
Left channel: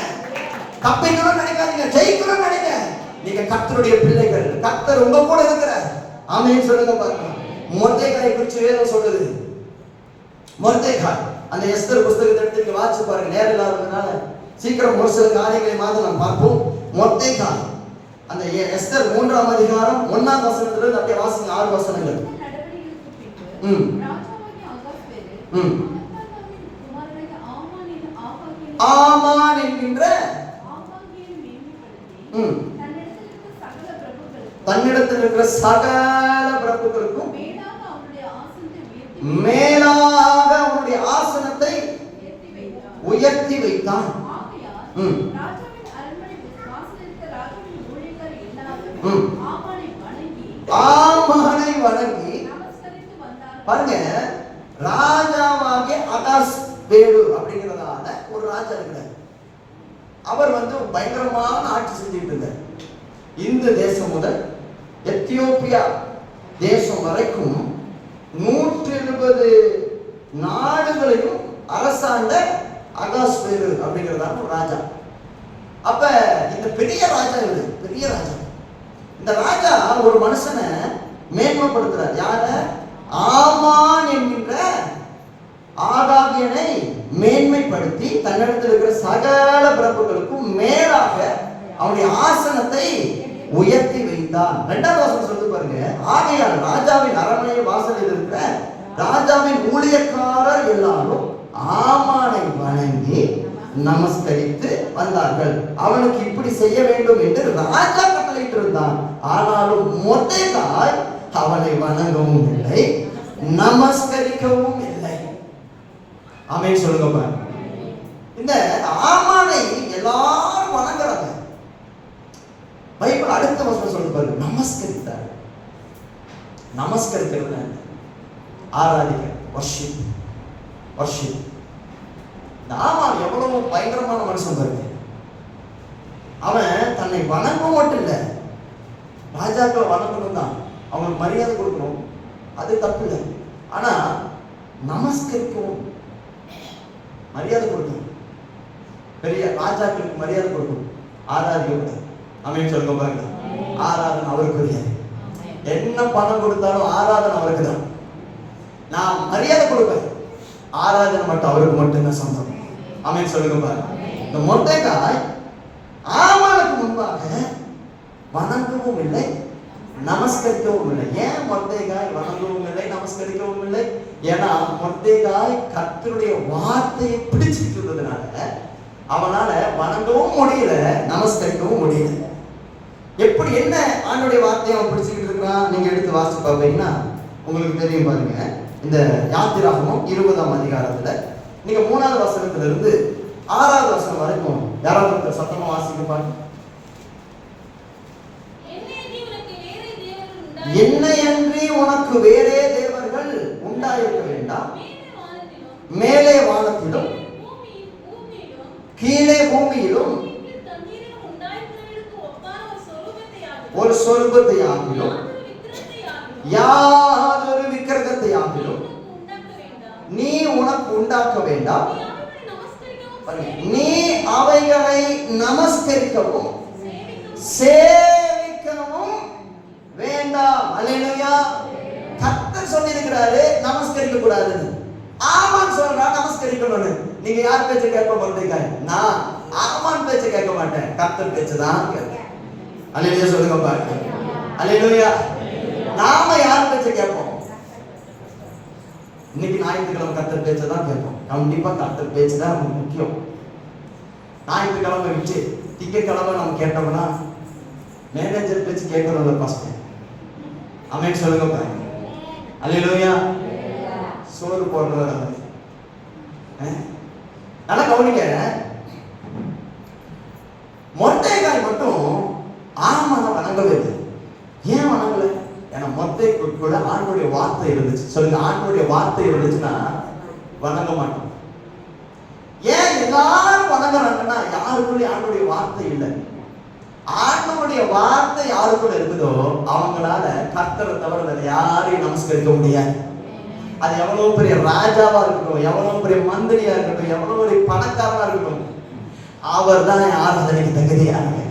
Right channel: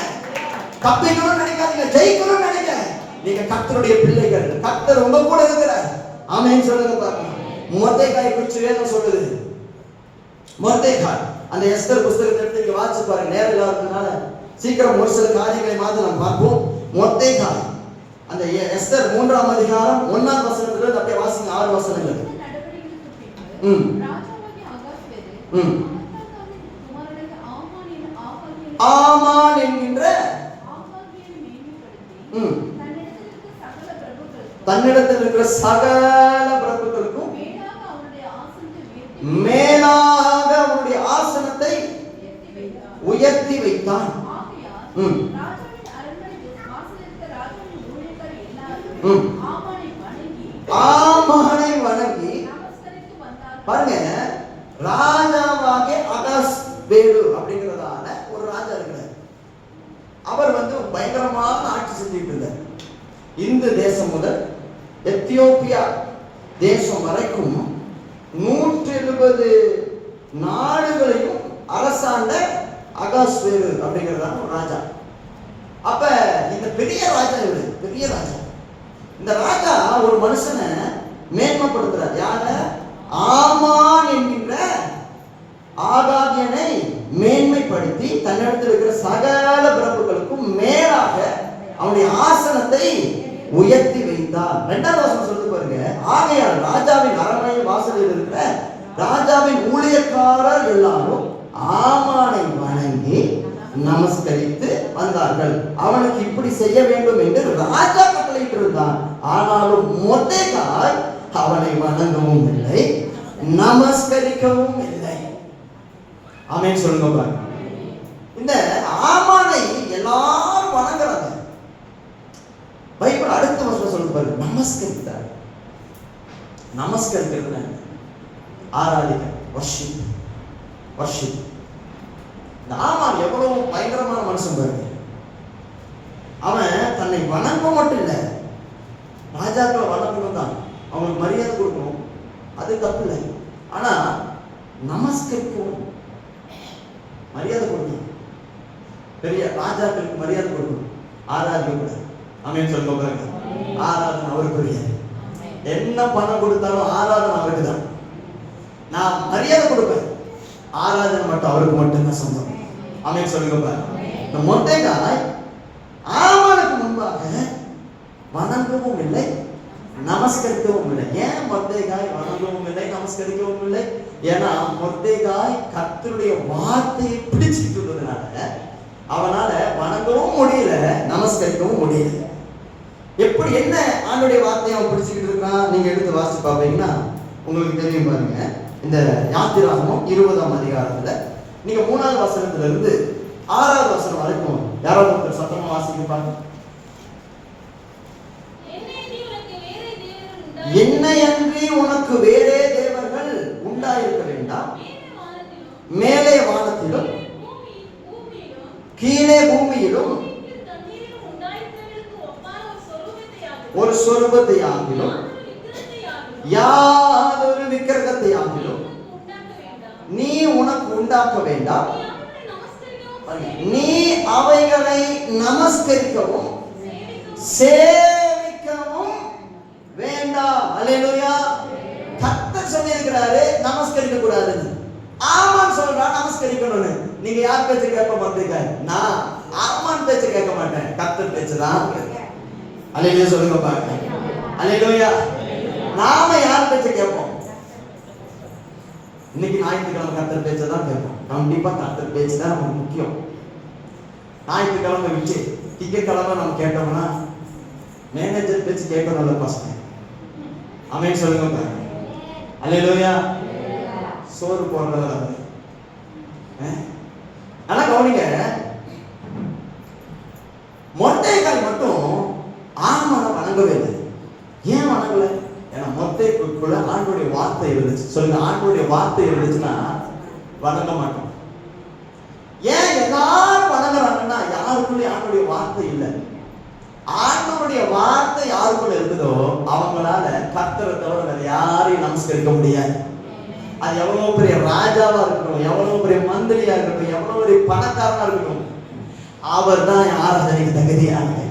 தப்பிக்கணும்னு நினைக்காதீங்க, ஜெயிக்கணும்னு நினைக்க. நீங்க கர்த்தருடைய பிள்ளைகள், கர்த்தர் உங்க கூட இருக்கிறார். ஆமென் சொல்லுங்க பாருங்க. மொர்தெகாய் குறித்து வேதம் சொல்லுது. மொர்தெகாய் அந்த எஸ்தர் புத்தகத்தை எடுத்து இங்க வாசிச்சு பாருங்க. நேரம் இல்லாததுனால சீக்கிரம் ஒரு சில காரியங்களை மாத்த நாம் பார்ப்போம். மொர்தெகாய் அந்த எஸ்தர் 3ஆம் அதிகாரம் 1ஆம் வசனத்துல இருந்து அப்படியே வாசிங்க. 6 வசனங்கள். ஆமான் என்கின்ற தன்னிடத்தில் இருக்கிற சகல பிரபுக்களுக்கும் மேலாக அவருடைய ஆசனத்தை உயர்த்தி வைத்தான். ஆமானை வணங்கி பாருங்க. ராஜாவாகிய அகாஸ்வேரு அப்படிங்கிறதான ஒரு ராஜா இருக்கிறார். அவர் பயங்கரமான ஆட்சி செஞ்சுட்டு இருந்தார். இந்த தேசம் முதல் எத்தியோப்பியா தேசம் வரைக்கும் 170 நாடுகளையும் அரசாண்ட அகாஸ்வேரு அப்படிங்கிறதான ஒரு ராஜா. அப்ப இந்த பெரிய ராஜா, பெரிய ராஜா, இந்த ராஜா ஒரு மனுஷனை மேன்மைப்படுத்துறார். யார? ஆமான் என்கின்ற ஆகாகியனை மேன்மைப்படுத்தி தன்னிடத்தில் இருக்கிற சகல பிரபுக்களுக்கும் மேலாக அவனுடைய ஆசனத்தை உயர்த்தி வைத்தான். 2ஆம் வசனம் சொல்லிட்டு பாருங்க. ஆகையால் ராஜாவின் அரண்மனை வாசலில் இருக்கிற ராஜாவின் ஊழியக்காரர் எல்லாரும் ஆமானை வணங்கி நமஸ்கரித்து வந்தார்கள். அவனுக்கு இப்படி செய்ய வேண்டும் என்று ராஜா கட்டளையிட்டு இருந்தான். ஆனாலும் மொர்தெகாய் அவனை வணங்கவும் இல்லை, நமஸ்கரிக்கவும் இல்லை. ஆமென் சொல்லுங்க பாருங்க. இந்த ஆமானை எல்லாரும் வணங்குறாங்க. பைபிள் அடுத்த வசனம் சொல்லுது பாருங்க. நமஸ்கரித்தார். நமஸ்கரிக்கிறது ஆராதிக்க, வர்ஷிப், வர்ஷிப். இந்த ஆமான் எவ்வளவு பயங்கரமான மனுஷன் பாருங்க. அவன் தன்னை வணங்க மட்டும் இல்லை, ராஜாக்களை வணங்கணும் தான், அவங்களுக்கு மரியாதை கொடுக்கணும், அது தப்பு இல்லை. ஆனா நமஸ்கரிக்கவும் மரியாதை கொடுக்கணும். பெரிய ராஜாக்களுக்கு மரியாதை கொடுக்கணும், ஆராதிக்க கூட. ஆமென் சொல்லுங்க பாருங்க. ஆராதனை அவருக்குரிய. என்ன பணம் கொடுத்தாலும் ஆராதனை அவருக்கு தான். நான் மரியாதை கொடுப்பேன், ஆராதனை மட்டும் அவருக்கு மட்டும் தான் சொந்தம். ஆமென் சொல்லுங்க பாருங்க. இந்த மொர்தெகாய் ஆமானுக்கு முன்பாக வணங்கவும் இல்லை, நமஸ்கரிக்கவும் இல்லை. ஏன் மொர்தெகாய் வணங்கவும் இல்லை, நமஸ்கரிக்கவும் இல்லை? ஏன்னா மொர்தெகாய் கர்த்தருடைய வார்த்தையை பிடிச்சிட்டு இருந்ததுனால அவனால வணங்கவும் முடியல, நமஸ்கரிக்கவும் முடியல. எப்படி என்ன ஆண்டவருடைய வார்த்தையை அவன் பிடிச்சிக்கிட்டு இருக்கான்? நீங்க எடுத்து வாசிச்சு பாப்பீங்கன்னா உங்களுக்கு தெரியும் பாருங்க. இந்த யாத்திராகமம் 20ஆம் அதிகாரத்துல நீங்க 3ஆவது வசனத்துல இருந்து 6ஆவது வசனம் வரைக்கும் யாராவது சத்தமா வாசிக்க பாருங்க. என்னையன்றி உனக்கு வேறே தேவர்கள் உண்டாயிருக்க வேண்டாம், மேலே வானத்திலும் கீழே பூமியிலும் ஒரு சொர்க்கத்தை ஆகிலும் யாதொரு விக்கிரகத்தை ஆகிலும் நீ உனக்கு உண்டாக்க வேண்டாம். நீ அவைகளை நமஸ்கரிக்கவும் சேவிக்கவும் வேண்டாம். அல்லேலூயா. கர்த்தர் சொல்லியிருக்கிறாரு நமஸ்கரிக்க கூடாதுன்னு. ஆமான் சொல்றா நமஸ்கரிக்கணும்னு. நீங்க யார் பேச்ச கேட்க மாட்டீங்க? நான் ஆமான் பேச்ச கேட்க மாட்டேன், கர்த்தர் பேச்ச தான் கேட்பேன். அல்லேலூயா சொல்லுங்க பாருங்க. அல்லேலூயா. நாம யார் பேச்ச கேட்போம்? இன்னைக்கு ஞாயிற்றுக்கிழமை கர்த்தர் பேச்ச தான் கேட்போம். கண்டிப்பா கர்த்தர் பேச்சு தான் நமக்கு முக்கியம். ஞாயிற்றுக்கிழமை வச்சு திங்கட்கிழமை நம்ம கேட்டோம்னா மேனேஜர் பேச்சு கேட்கறதுல கஷ்டம். ஆமென் சொல்லுங்க பாருங்க. அல்லேலூயா. சோறு போடுறது ஆனா கவனிக்க, மொட்டைக்காய் மட்டும் ஆமான வணங்கவே இல்லை. ஏன் வணங்கல? ஏன்னா மொட்டைக்குள்ள ஆண்டுடைய வார்த்தை இருந்துச்சு. சொல்லுங்க, ஆண்டுடைய வார்த்தை இருந்துச்சுன்னா வணங்க மாட்டோம். ஏன் எல்லாரும் வணங்குறாங்கன்னா யாருக்குள்ளே ஆண்டுடைய வார்த்தை இல்லை. ஆண்டவருடைய வார்த்தை யாருக்குள்ள இருக்குதோ அவங்களால கர்த்தரை தவிர வேற யாரையும் நமஸ்கரிக்க முடியாது. அது எவ்வளவு பெரிய ராஜாவா இருக்கட்டும், எவ்வளவு பெரிய மந்திரியா இருக்கட்டும், எவ்வளவு பெரிய பணக்காரனா இருக்கட்டும், அவர் தான் ஆராதனைக்கு தகுதியானவர்.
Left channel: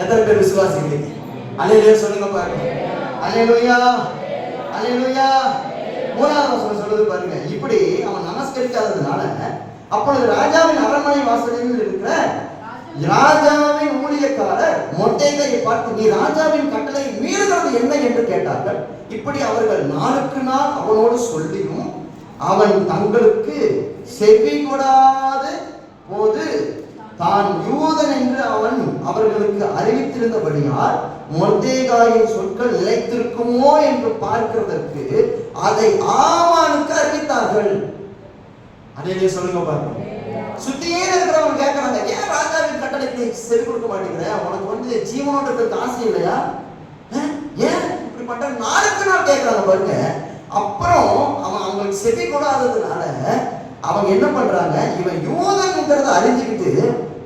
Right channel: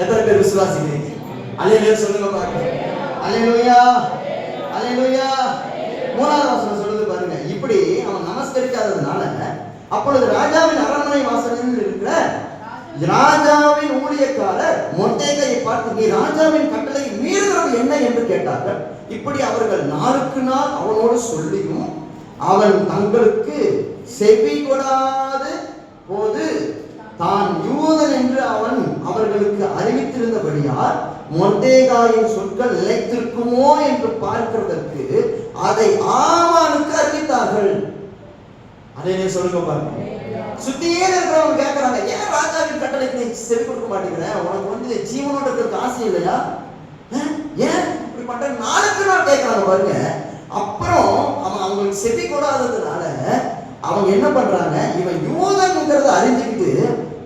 எத்தனை பேர் விசுவாசிக்கிறீங்க? அல்லேலூயா சொல்லுங்க பாருங்க. அல்லேலூயா. அல்லேலூயா. மூணாவது வசனம் சொல்லுது பாருங்க. இப்படி அவன் நமஸ்கரிக்காததுனால அப்பொழுது ராஜாவின் அரண்மனை வாசலில் இருக்கிற ராஜாவின் ஊழியக்காரர் மொர்தெகாயை பார்த்து, நீ ராஜாவின் கட்டளை மீறுகிறது என்ன என்று கேட்டார்கள். இப்படி அவர்கள் நாளுக்கு நாள் அவனோடு சொல்லியும் அவன் தங்களுக்கு செவி கொடாத போது தான் யூதன் என்று அவன் அவர்களுக்கு அறிவித்திருந்தபடியால் மொர்தெகாயின் சொற்கள் நிலைத்திருக்குமோ என்று பார்க்கிறதற்கு அதை ஆமானுக்கு அறிவித்தார்கள். அதே சொல்லுங்க பாருங்க. சுத்தியே இருக்கிறவங்க கேட்கறாங்க, ஏன் ராஜாவின் கட்டளைக்கு நீ செவி கொடுக்க மாட்டேங்கிற? உனக்கு வந்து ஜீவனோட இருக்கிறதுக்கு ஆசை இல்லையா? ஏன் இப்படிப்பட்ட நாளுக்கு நாள் கேட்கறாங்க பாருங்க. அப்புறம் அவன் அவங்களுக்கு செவி கொடாததுனால அவங்க என்ன பண்றாங்க, இவன் யூதன்ங்கிறத அறிஞ்சுக்கிட்டு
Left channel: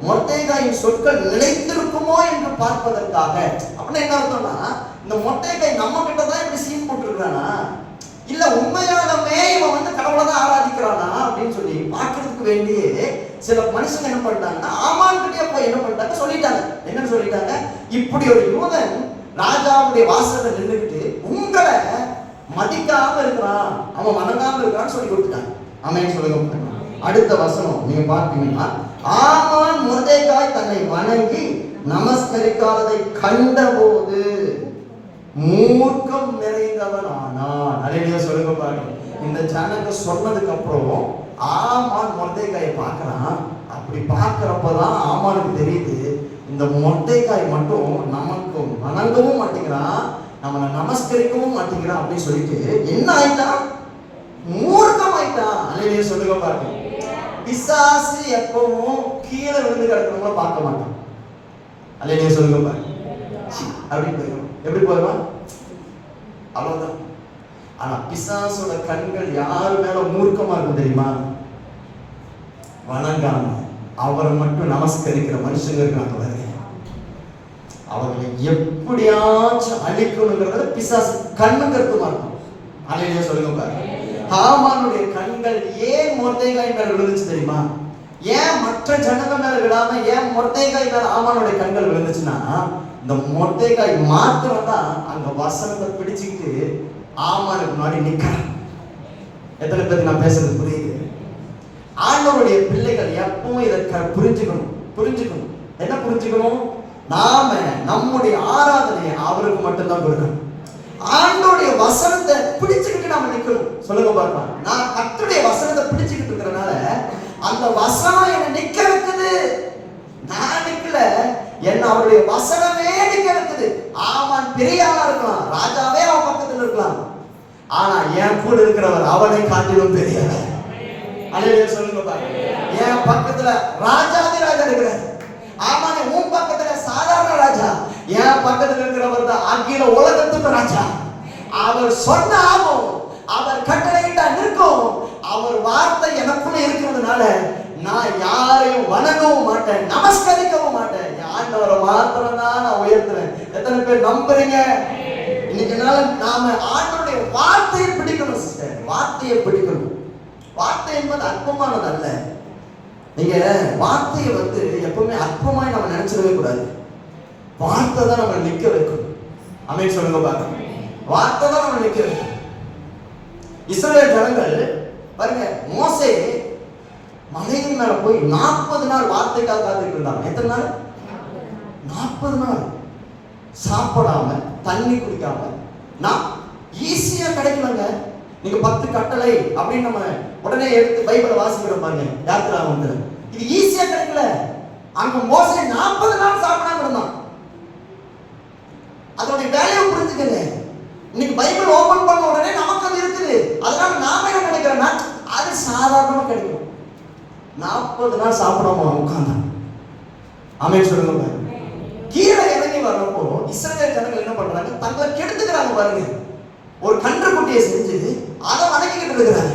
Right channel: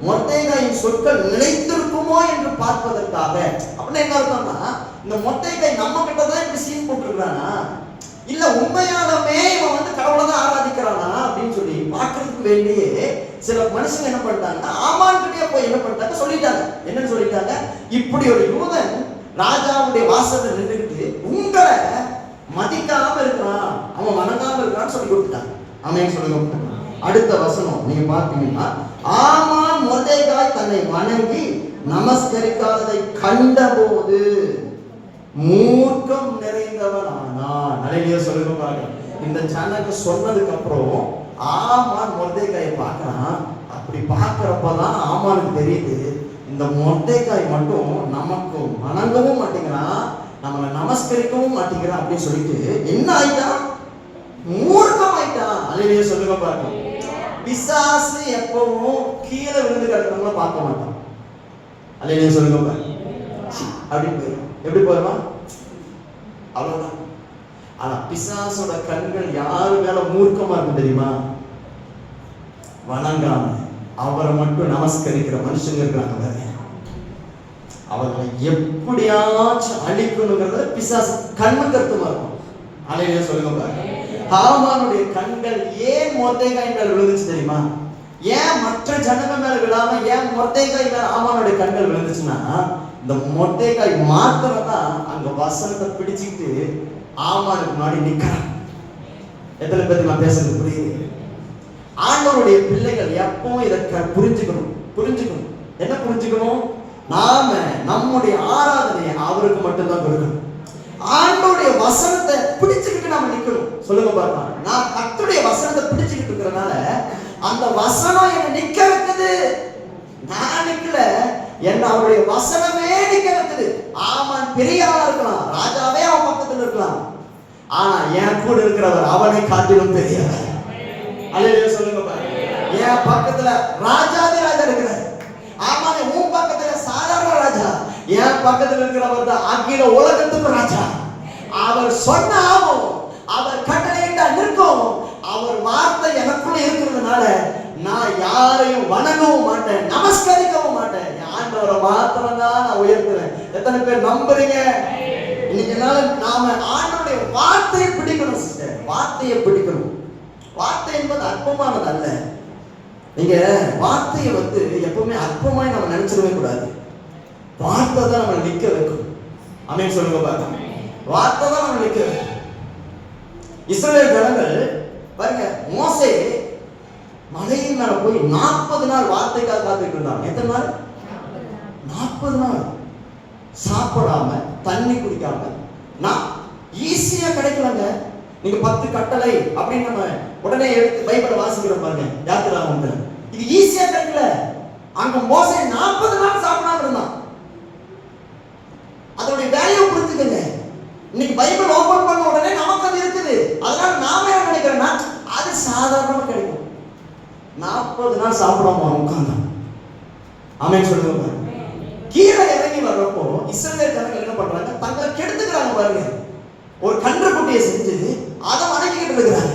மொர்தெகாயின் சொற்கள் நிலைத்திருக்குமோ என்று பார்ப்பதற்காக. அப்படின்னு என்ன அர்த்தம்னா, இந்த மொர்தெகாய் நம்ம கிட்ட தான் இப்படி சீன் போட்டுருக்கானா, இல்ல உண்மையானமே இவன் வந்து கடவுளை தான் ஆராதிக்கிறானா அப்படின்னு சொல்லி பார்க்கறதுக்கு வேண்டியே சில மனுஷங்க என்ன பண்ணிட்டாங்கன்னா ஆமான்கிட்டே போய் என்ன பண்ணிட்டாங்க சொல்லிட்டாங்க. என்னன்னு சொல்லிட்டாங்க, இப்படி ஒரு யூதன் ராஜாவுடைய வாசல்ல நின்றுக்கிட்டு உங்களை மதிக்காம இருக்கிறான், அவன் வணங்காம இருக்கிறான்னு சொல்லி கொடுத்தாங்க. ஆமென் சொல்லுங்க. அடுத்த வசனம் நீங்க பார்த்தீங்கன்னா, ஆமான் மொர்தெகாய் தன்னை வணங்கி நமஸ்கரிக்காததை கண்டபோது மூர்க்கம் நிறைந்தவன் ஆனான். அல்லேலூயா சொல்லுங்க பாருங்க. இந்த ஜனங்க சொன்னதுக்கு அப்புறம் ஆமான் மொர்தெகாயை பார்க்கறான். அப்படி பார்க்கறப்பதான் ஆமானுக்கு தெரியுது, இந்த மொர்தெகாய் மட்டும் நமக்கு வணங்கவும் மாட்டேங்கிறான், நம்ம நமஸ்கரிக்கவும் மாட்டேங்கிறான் அப்படின்னு சொல்லிட்டு என்ன ஆயிட்டான், மூர்க்கம் ஆயிட்டான். அல்லேலூயா சொல்லுங்க பாருங்க. பிசாசு எப்பவும் கீழே விழுந்து கிடக்கிறவங்கள பார்க்க மாட்டான். அல்லேலூயா சொல்லுங்க பாருங்க. அப்படின்னு போயிடும். எப்படி போயிடுமா? அவ்வளவுதான். ஆனா பிசாசோட கண்கள் யாரு மேல மூர்க்கமா இருக்கும் தெரியுமா? வணங்காம அவரை மட்டும் நமஸ்கரிக்கிற மனுஷங்க இருக்கிறாங்க. அவர்களை எப்படியாச்சும் அழிக்கணுங்கிறத பிசாசு கண்ணு கருத்துமா இருக்கும். அல்லேலூயா சொல்லுங்க பாருங்க. ஆமானுடைய கண்கள் ஏன் மொர்தெகாய் மேல விழுந்துச்சு தெரியுமா? ஏன் மற்ற ஜனங்க மேல விழாம ஏன் மொர்தெகாய் மேல ஆமானுடைய கண்கள் விழுந்துச்சுன்னா, இந்த மொர்தெகாய் மாத்திரம் தான் அந்த வசனத்தை பிடிச்சிட்டு ஆமானுக்கு முன்னாடி நிக்கிறான். எத்தனை பேருக்கு நான் பேசுறது புரியுது? ஆண்டவருடைய பிள்ளைகள் எப்பவும் இதை புரிஞ்சுக்கணும். என்ன புரிஞ்சுக்கணும்? நாம நம்முடைய ஆராதனையை அவருக்கு மட்டும்தான் கொடுக்கணும். ஆண்டவருடைய வசனத்தை பிடிச்சுக்கிட்டு நாம நிக்கணும். சொல்லுங்க பாருங்க. நான் கர்த்தருடைய வசனத்தை பிடிச்சுக்கிட்டு இருக்கிறனால அந்த வசனம் என்ன நிக்க வைக்குது. நான் நிக்கல, என்ன அவருடைய வசனமே நிக்க வைக்குது. ஆமான் பெரிய ஆளா இருக்கலாம், ராஜாவே அவன் பக்கத்துல இருக்கலாம், ஆனா என் கூட இருக்கிறவர் அவனை காட்டிலும் பெரியவர். அல்லேலூயா சொல்லுங்க பாருங்க. என் பக்கத்துல ராஜாவே ராஜா இருக்கிறார். ஆமானே உன் பக்கத்துல சாதாரண ராஜா, என் பக்கத்துல இருக்கிறவர் தான் அகில உலகத்துக்கு ராஜா. அவர் சொன்ன ஆகும், அவர் கட்டளையிட்டா நிற்கும். அவர் வார்த்தை எனக்குள்ள இருக்கிறதுனால நான் யாரையும் வணங்கவும் மாட்டேன், நமஸ்கரிக்கவும் மாட்டேன். ஆண்டவரை மாத்திரம் தான் நான் உயர்த்துறேன். எத்தனை பேர் நம்புறீங்க? இன்னைக்கு நாம ஆண்டவருடைய வார்த்தையை பிடிக்கணும் சிஸ்டர். வார்த்தையை பிடிக்கணும். வார்த்தை என்பது அற்பமானது அல்ல. நீங்க வார்த்தையை எப்பவுமே அற்பமாய் நம்ம நினைச்சிடவே கூடாது. வார்த்தை தான் நம்ம நிக்க வைக்கும். ஆமென் சொல்லுங்க பாருங்க. வார்த்தை தான் நம்ம நிக்க வைக்கும். இஸ்ரவேல் ஜனங்கள் பாருங்க, மோசே மலையின் மேல போய் 40 நாள் வார்த்தைக்காக காத்துட்டு இருந்தாங்க. எத்தனை நாள்? 40 நாள் சாப்பிடாம தண்ணி குடிக்காம. நான் ஈஸியா கிடைக்கலங்க. நீங்க 10 கட்டளை அப்படின்னு நம்ம உடனே எடுத்து பைபிளை வாசிக்கிறோம் பாருங்க, யாத்திராகமத்துல. இது ஈஸியா கிடைக்கல. அங்க மோசே 40 நாள் சாப்பிடாம இருந்தான். அதோட வேல்யூ புரிஞ்சுக்கங்க. இன்னைக்கு பைபிள் ஓபன் பண்ண உடனே நமக்கு அது இருக்குது. அதனால நாம என்ன நினைக்கிறோம்னா அது சாதாரணமா கிடைக்கும். 40 நாள் சாப்பிடாம உட்கார்ந்தான். ஆமென் சொல்லுங்க. கீழே இறங்கி வர்றப்போ இஸ்ரவேல் ஜனங்கள் என்ன பண்றாங்க? தங்களை கெடுத்துக்கிறாங்க பாருங்க. ஒரு கன்றுக்குட்டியை செஞ்சு அதை வதக்கிட்டு இருக்கிறாங்க.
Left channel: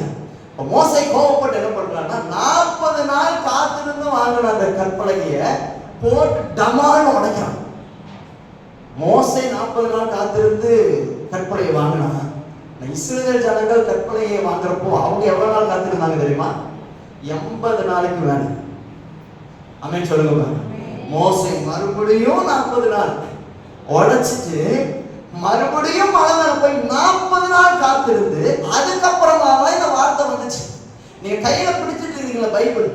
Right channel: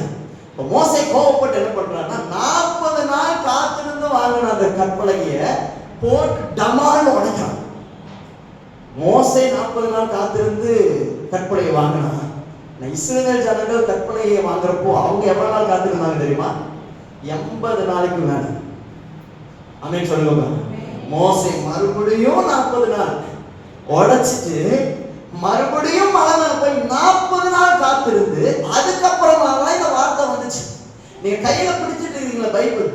மோசே கோபப்பட்டு என்ன பண்றாங்க? 40 நாள் காத்திருந்து வாங்கின அந்த கற்பலகைய போட்டு டமான்னு உடைக்கிறான். மோசே 40 நாள் காத்திருந்து கற்பலையை வாங்கினா, இஸ்ரவேல் ஜனங்கள் கற்பலையை வாங்குறப்போ அவங்க எவ்வளவு நாள் காத்திருந்தாங்க தெரியுமா? 80 நாளைக்கு மேல. ஆமென் சொல்லுங்க. மோசே மறுபடியும் 40 நாள் உடைச்சிட்டு மறுபடியும் மலை போய் 40 நாள் காத்திருந்து அதுக்கப்புறமா தான் இந்த வார்த்தை வந்துச்சு. நீங்க கையில பிடிச்சிட்டு இருக்கீங்களா பைபிள்?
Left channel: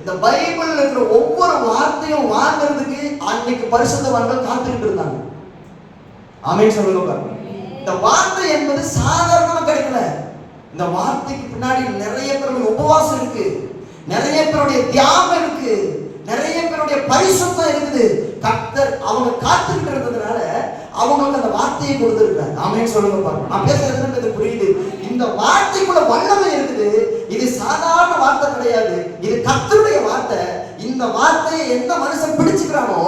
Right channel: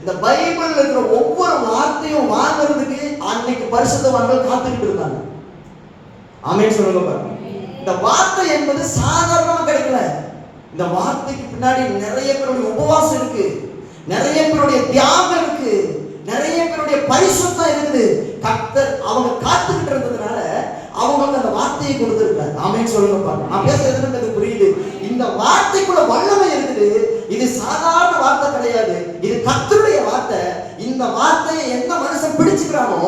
இந்த பைபிள் இருக்கிற ஒவ்வொரு வார்த்தையும் வாங்குறதுக்கு அன்னைக்கு பரிசுத்தவான்கள் காத்துக்கிட்டு இருந்தாங்க. ஆமென் சொல்லுங்க. இந்த வார்த்தை என்பது சாதாரணமா கிடைக்கல. இந்த வார்த்தைக்கு பின்னாடி நிறைய பேருடைய உபவாசம் இருக்கு, நிறைய பேருடைய தியாகம் இருக்கு, நிறைய பேருடைய பரிசுத்தம் இருக்குது. கர்த்தர் அவங்க காத்துக்கிட்டு இருந்ததுனால அவங்களுக்கு அந்த வார்த்தையை கொடுத்திருக்காரு. ஆமென் சொல்லுங்க பாருங்க. நான் பேசுறது எனக்கு புரியுது. இந்த வார்த்தைக்குள்ள வல்லமை இருக்குது. இது சாதாரண வார்த்தை கிடையாது. இது கர்த்தருடைய வார்த்தை. இந்த வார்த்தையை எந்த மனுஷன் பிடிச்சுக்கிறானோ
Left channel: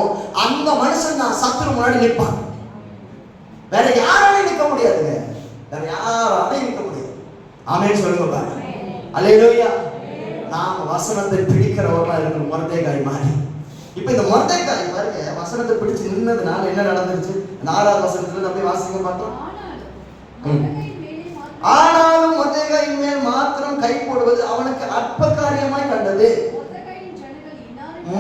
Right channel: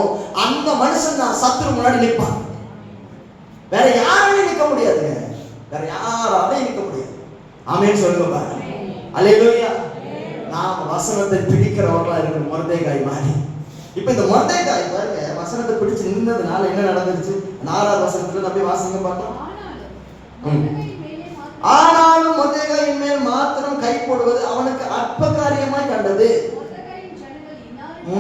அந்த மனுஷன் நான் சத்துரு முன்னாடி நிற்பான். வேற யாராலையும் நிற்க முடியாதுங்க. வேற யாராலையும் நிற்க முடியாது. ஆமென் சொல்லுங்க பாருங்க. அல்லேலூயா. நாம் வசனத்தை பிடிக்கிறவர்களா இருக்கிற மொர்தெகாய் மாதிரி. இப்ப இந்த மொர்தெகாய் பாருங்க, வசனத்தை பிடிச்சு நின்னதுனால என்ன நடந்துச்சு? 4வது வசனத்துல அப்படியே வாசிங்க பார்த்தோம். ஆனாலும் மொர்தெகாயின் மேல் மாத்திரம் கை போடுவது அவனுக்கு அற்ப காரியமாய் கண்டது.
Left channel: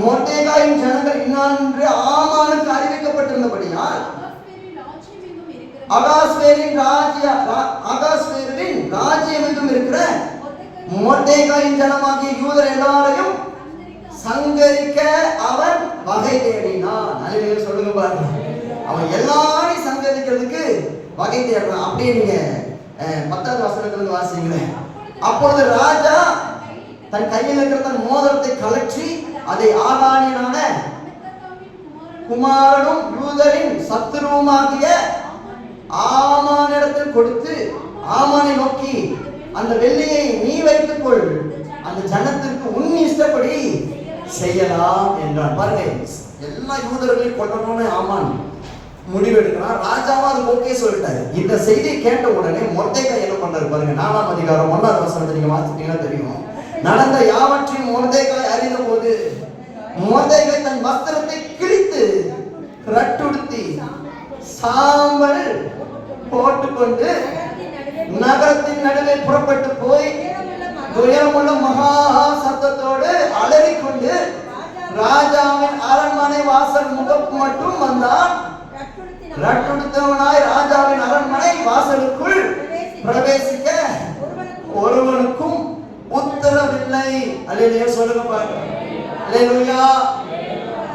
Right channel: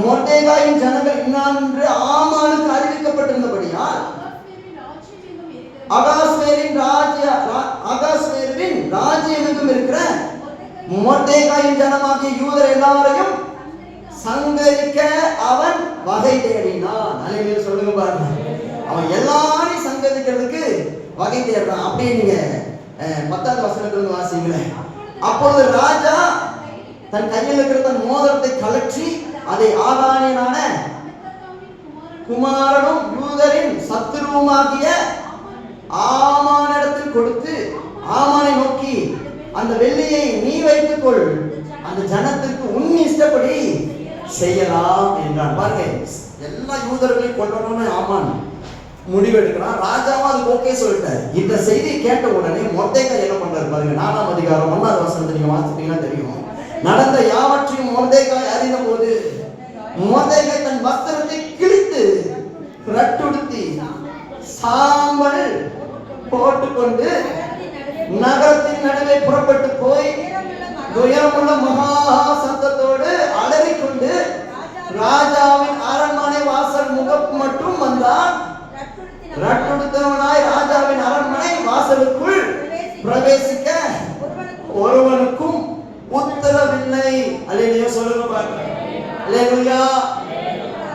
மொர்தெகாயின் ஜனங்கள் இன்னான்று ஆமானுக்கு அறிவிக்கப்பட்டிருந்தபடியால் அகாஸ்வேரின் ராஜ்யம் இருக்கிற மொர்தெகாயின் ஜனமாகிய யூதர் எல்லாரையும் சங்கரிக்க அவன் வகை தேடினான். அல்லேலூயா சொல்லுங்க பாருங்க. அவன் எல்லாரையும் சங்கரிக்கிறதுக்கு வகை தேடுறான். அப்படியே நீங்க 10வது வசனத்துல வாசிங்களேன். அப்பொழுது ராஜா தன் கையில் இருக்கிற தன் மோதிரத்தை கழற்றி அதை ஆகானியனான குமாரனும் யூதரின் சத்துருவுமாகிய ஆமானிடத்தில் கொடுத்து ஆமானை நோக்கி, அந்த வெள்ளியை நீ வைத்துக் கொள், அந்த ஜனத்திற்கு உன் இஷ்டப்படி செய்யலாம் என்றான். பாருங்க, எல்லா யூதர்களையும் கொல்லணும்னு ஆமான் முடிவெடுக்கிறான். ராஜாவும் அது ஓகே சொல்லிட்டாரு. இந்த செய்தியை கேட்ட உடனே மொர்தெகாய் என்ன பண்றாரு பாருங்க. 4ஆம் அதிகாரம் 1வது வசனத்தை நீங்க வாசிச்சீங்கன்னா தெரியும். நடந்த யாவற்றையும் மொர்தெகாய் அறிந்த போது மொர்தெகாய் தன் வஸ்திரத்தை கிழித்து ரட்டுடுத்தி சாம்பல் போட்டுக்கொண்டு நகரத்தின் நடுவே புறப்பட்டு போய் உயரமுள்ள மகா சத்தத்தோடு அலறிக்கொண்டு ராஜாவின் அரண்மனை வாசல் முகப்பு மட்டும் வந்தான். ரட்டுடுத்தவனாய் ராஜாவின் அரண்மனை வாசலுக்குள் பிரவேசிக்க ஒருவனுக்கும் உத்தரவில்லை. அல்லேலூயா சொல்லுங்க பாருங்க. அல்லேலூயா.